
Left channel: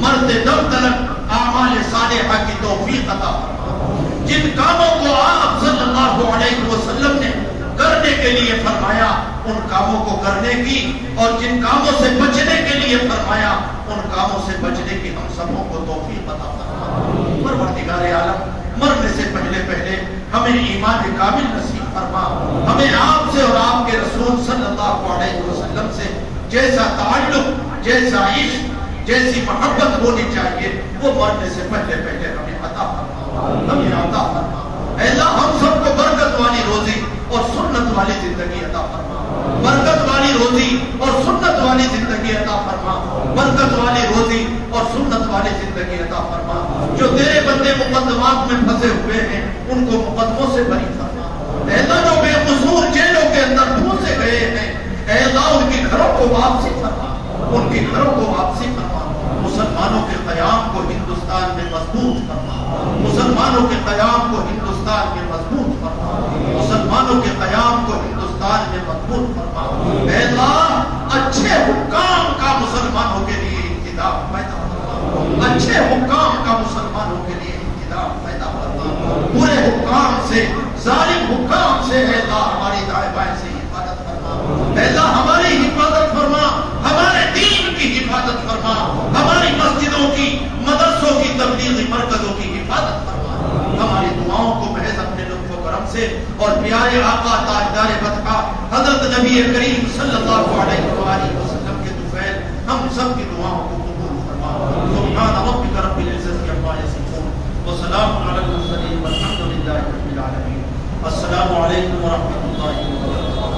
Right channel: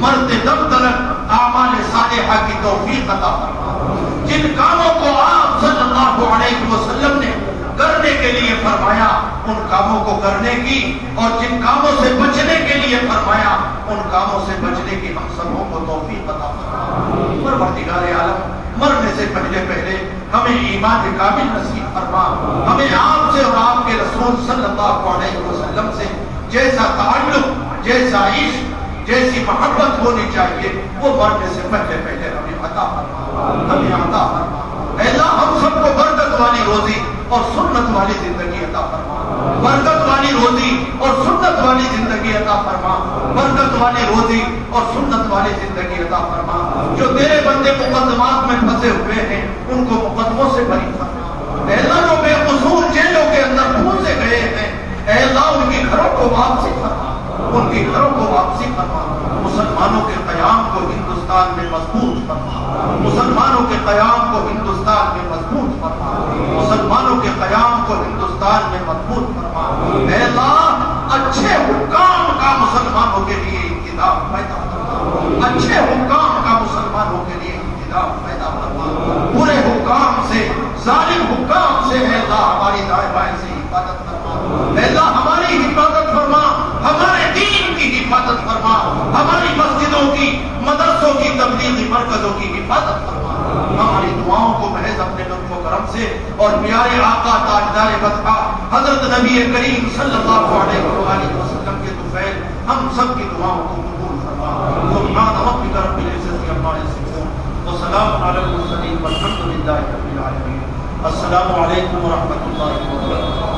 مرتے دم تلک اعمال صالحہ کی توفیق عطا فرما۔ جن کاموں کو آپ صلی اللہ علیہ وسلم نے کرنے کے لیے فرمایا ان کاموں کو کرنے کی، اور جن کاموں سے بچنے کے لیے فرمایا ان کاموں سے بچنے کی ہم سبوں کو توفیق عطا فرما۔ پروردگار عالم مرنے سے پہلے پہلے ہمیں ایمان کامل نصیب فرما، ہمیں آپ سے اور آپ کے رسول صلی اللہ علیہ وسلم سے جیسا تعلق، جیسا عشق، جیسی محبت ہونی چاہیے وہ مرنے سے پہلے پہلے ہمیں عطا فرما، ہمیں عطا فرما۔ اے اللہ ہم سب کو برکت والی روزی اور سنت والی زندگی عطا فرما، برکت والی روزی اور سنت والی زندگی عطا فرما، برکت والی روزی اور سنت والی زندگی عطا فرما۔ جو تیرے بندے مقدمات میں پھنسے ہوئے ہیں ان کو مقدموں سے بری فرما۔ اے اللہ جو بے قصور جیلوں کے اندر پھنسے گئے ہیں اے اللہ ان کے گھروں کو واپسی فرما، ان کے گھروں کو واپسی فرما۔ مسلمانوں کے قیام کو ہندوستان میں مضبوط فرما، مسلمانوں کے قیام کو ہندوستان میں مضبوط فرما، مسلمانوں کے قیام کو ہندوستان میں مضبوط فرما۔ اے اللہ اچھے حکام کا مسلمانوں کے لیے انتظام پیدا فرما، اچھے حکام کا مسلمانوں کے لیے انتظام پیدا فرما۔ برے حکام سے، ظالم حکام سے اے اللہ ہماری دائیں بائیں سے حفاظت فرما۔ اے اللہ ہماری حفاظت فرما، ہمارے دین کی حفاظت فرما، ہماری مسجدوں کی، مدرسوں کی، تبلیغی مرکزوں کی حفاظت فرما۔ ہماری دعاؤں کو محض اپنے لطف و کرم سے اور پیارے آقا تاجدار مدحہ حضرت نبی کریم صلی اللہ علیہ وآلہ وسلم کے طفیل ہم سب کی دعاؤں کو قبول فرما۔ سبحان ربک رب العزت عما یصفون وسلام علی المرسلین والحمد للہ رب العالمین۔ السلام علیکم ورحمۃ اللہ وبرکاتہ۔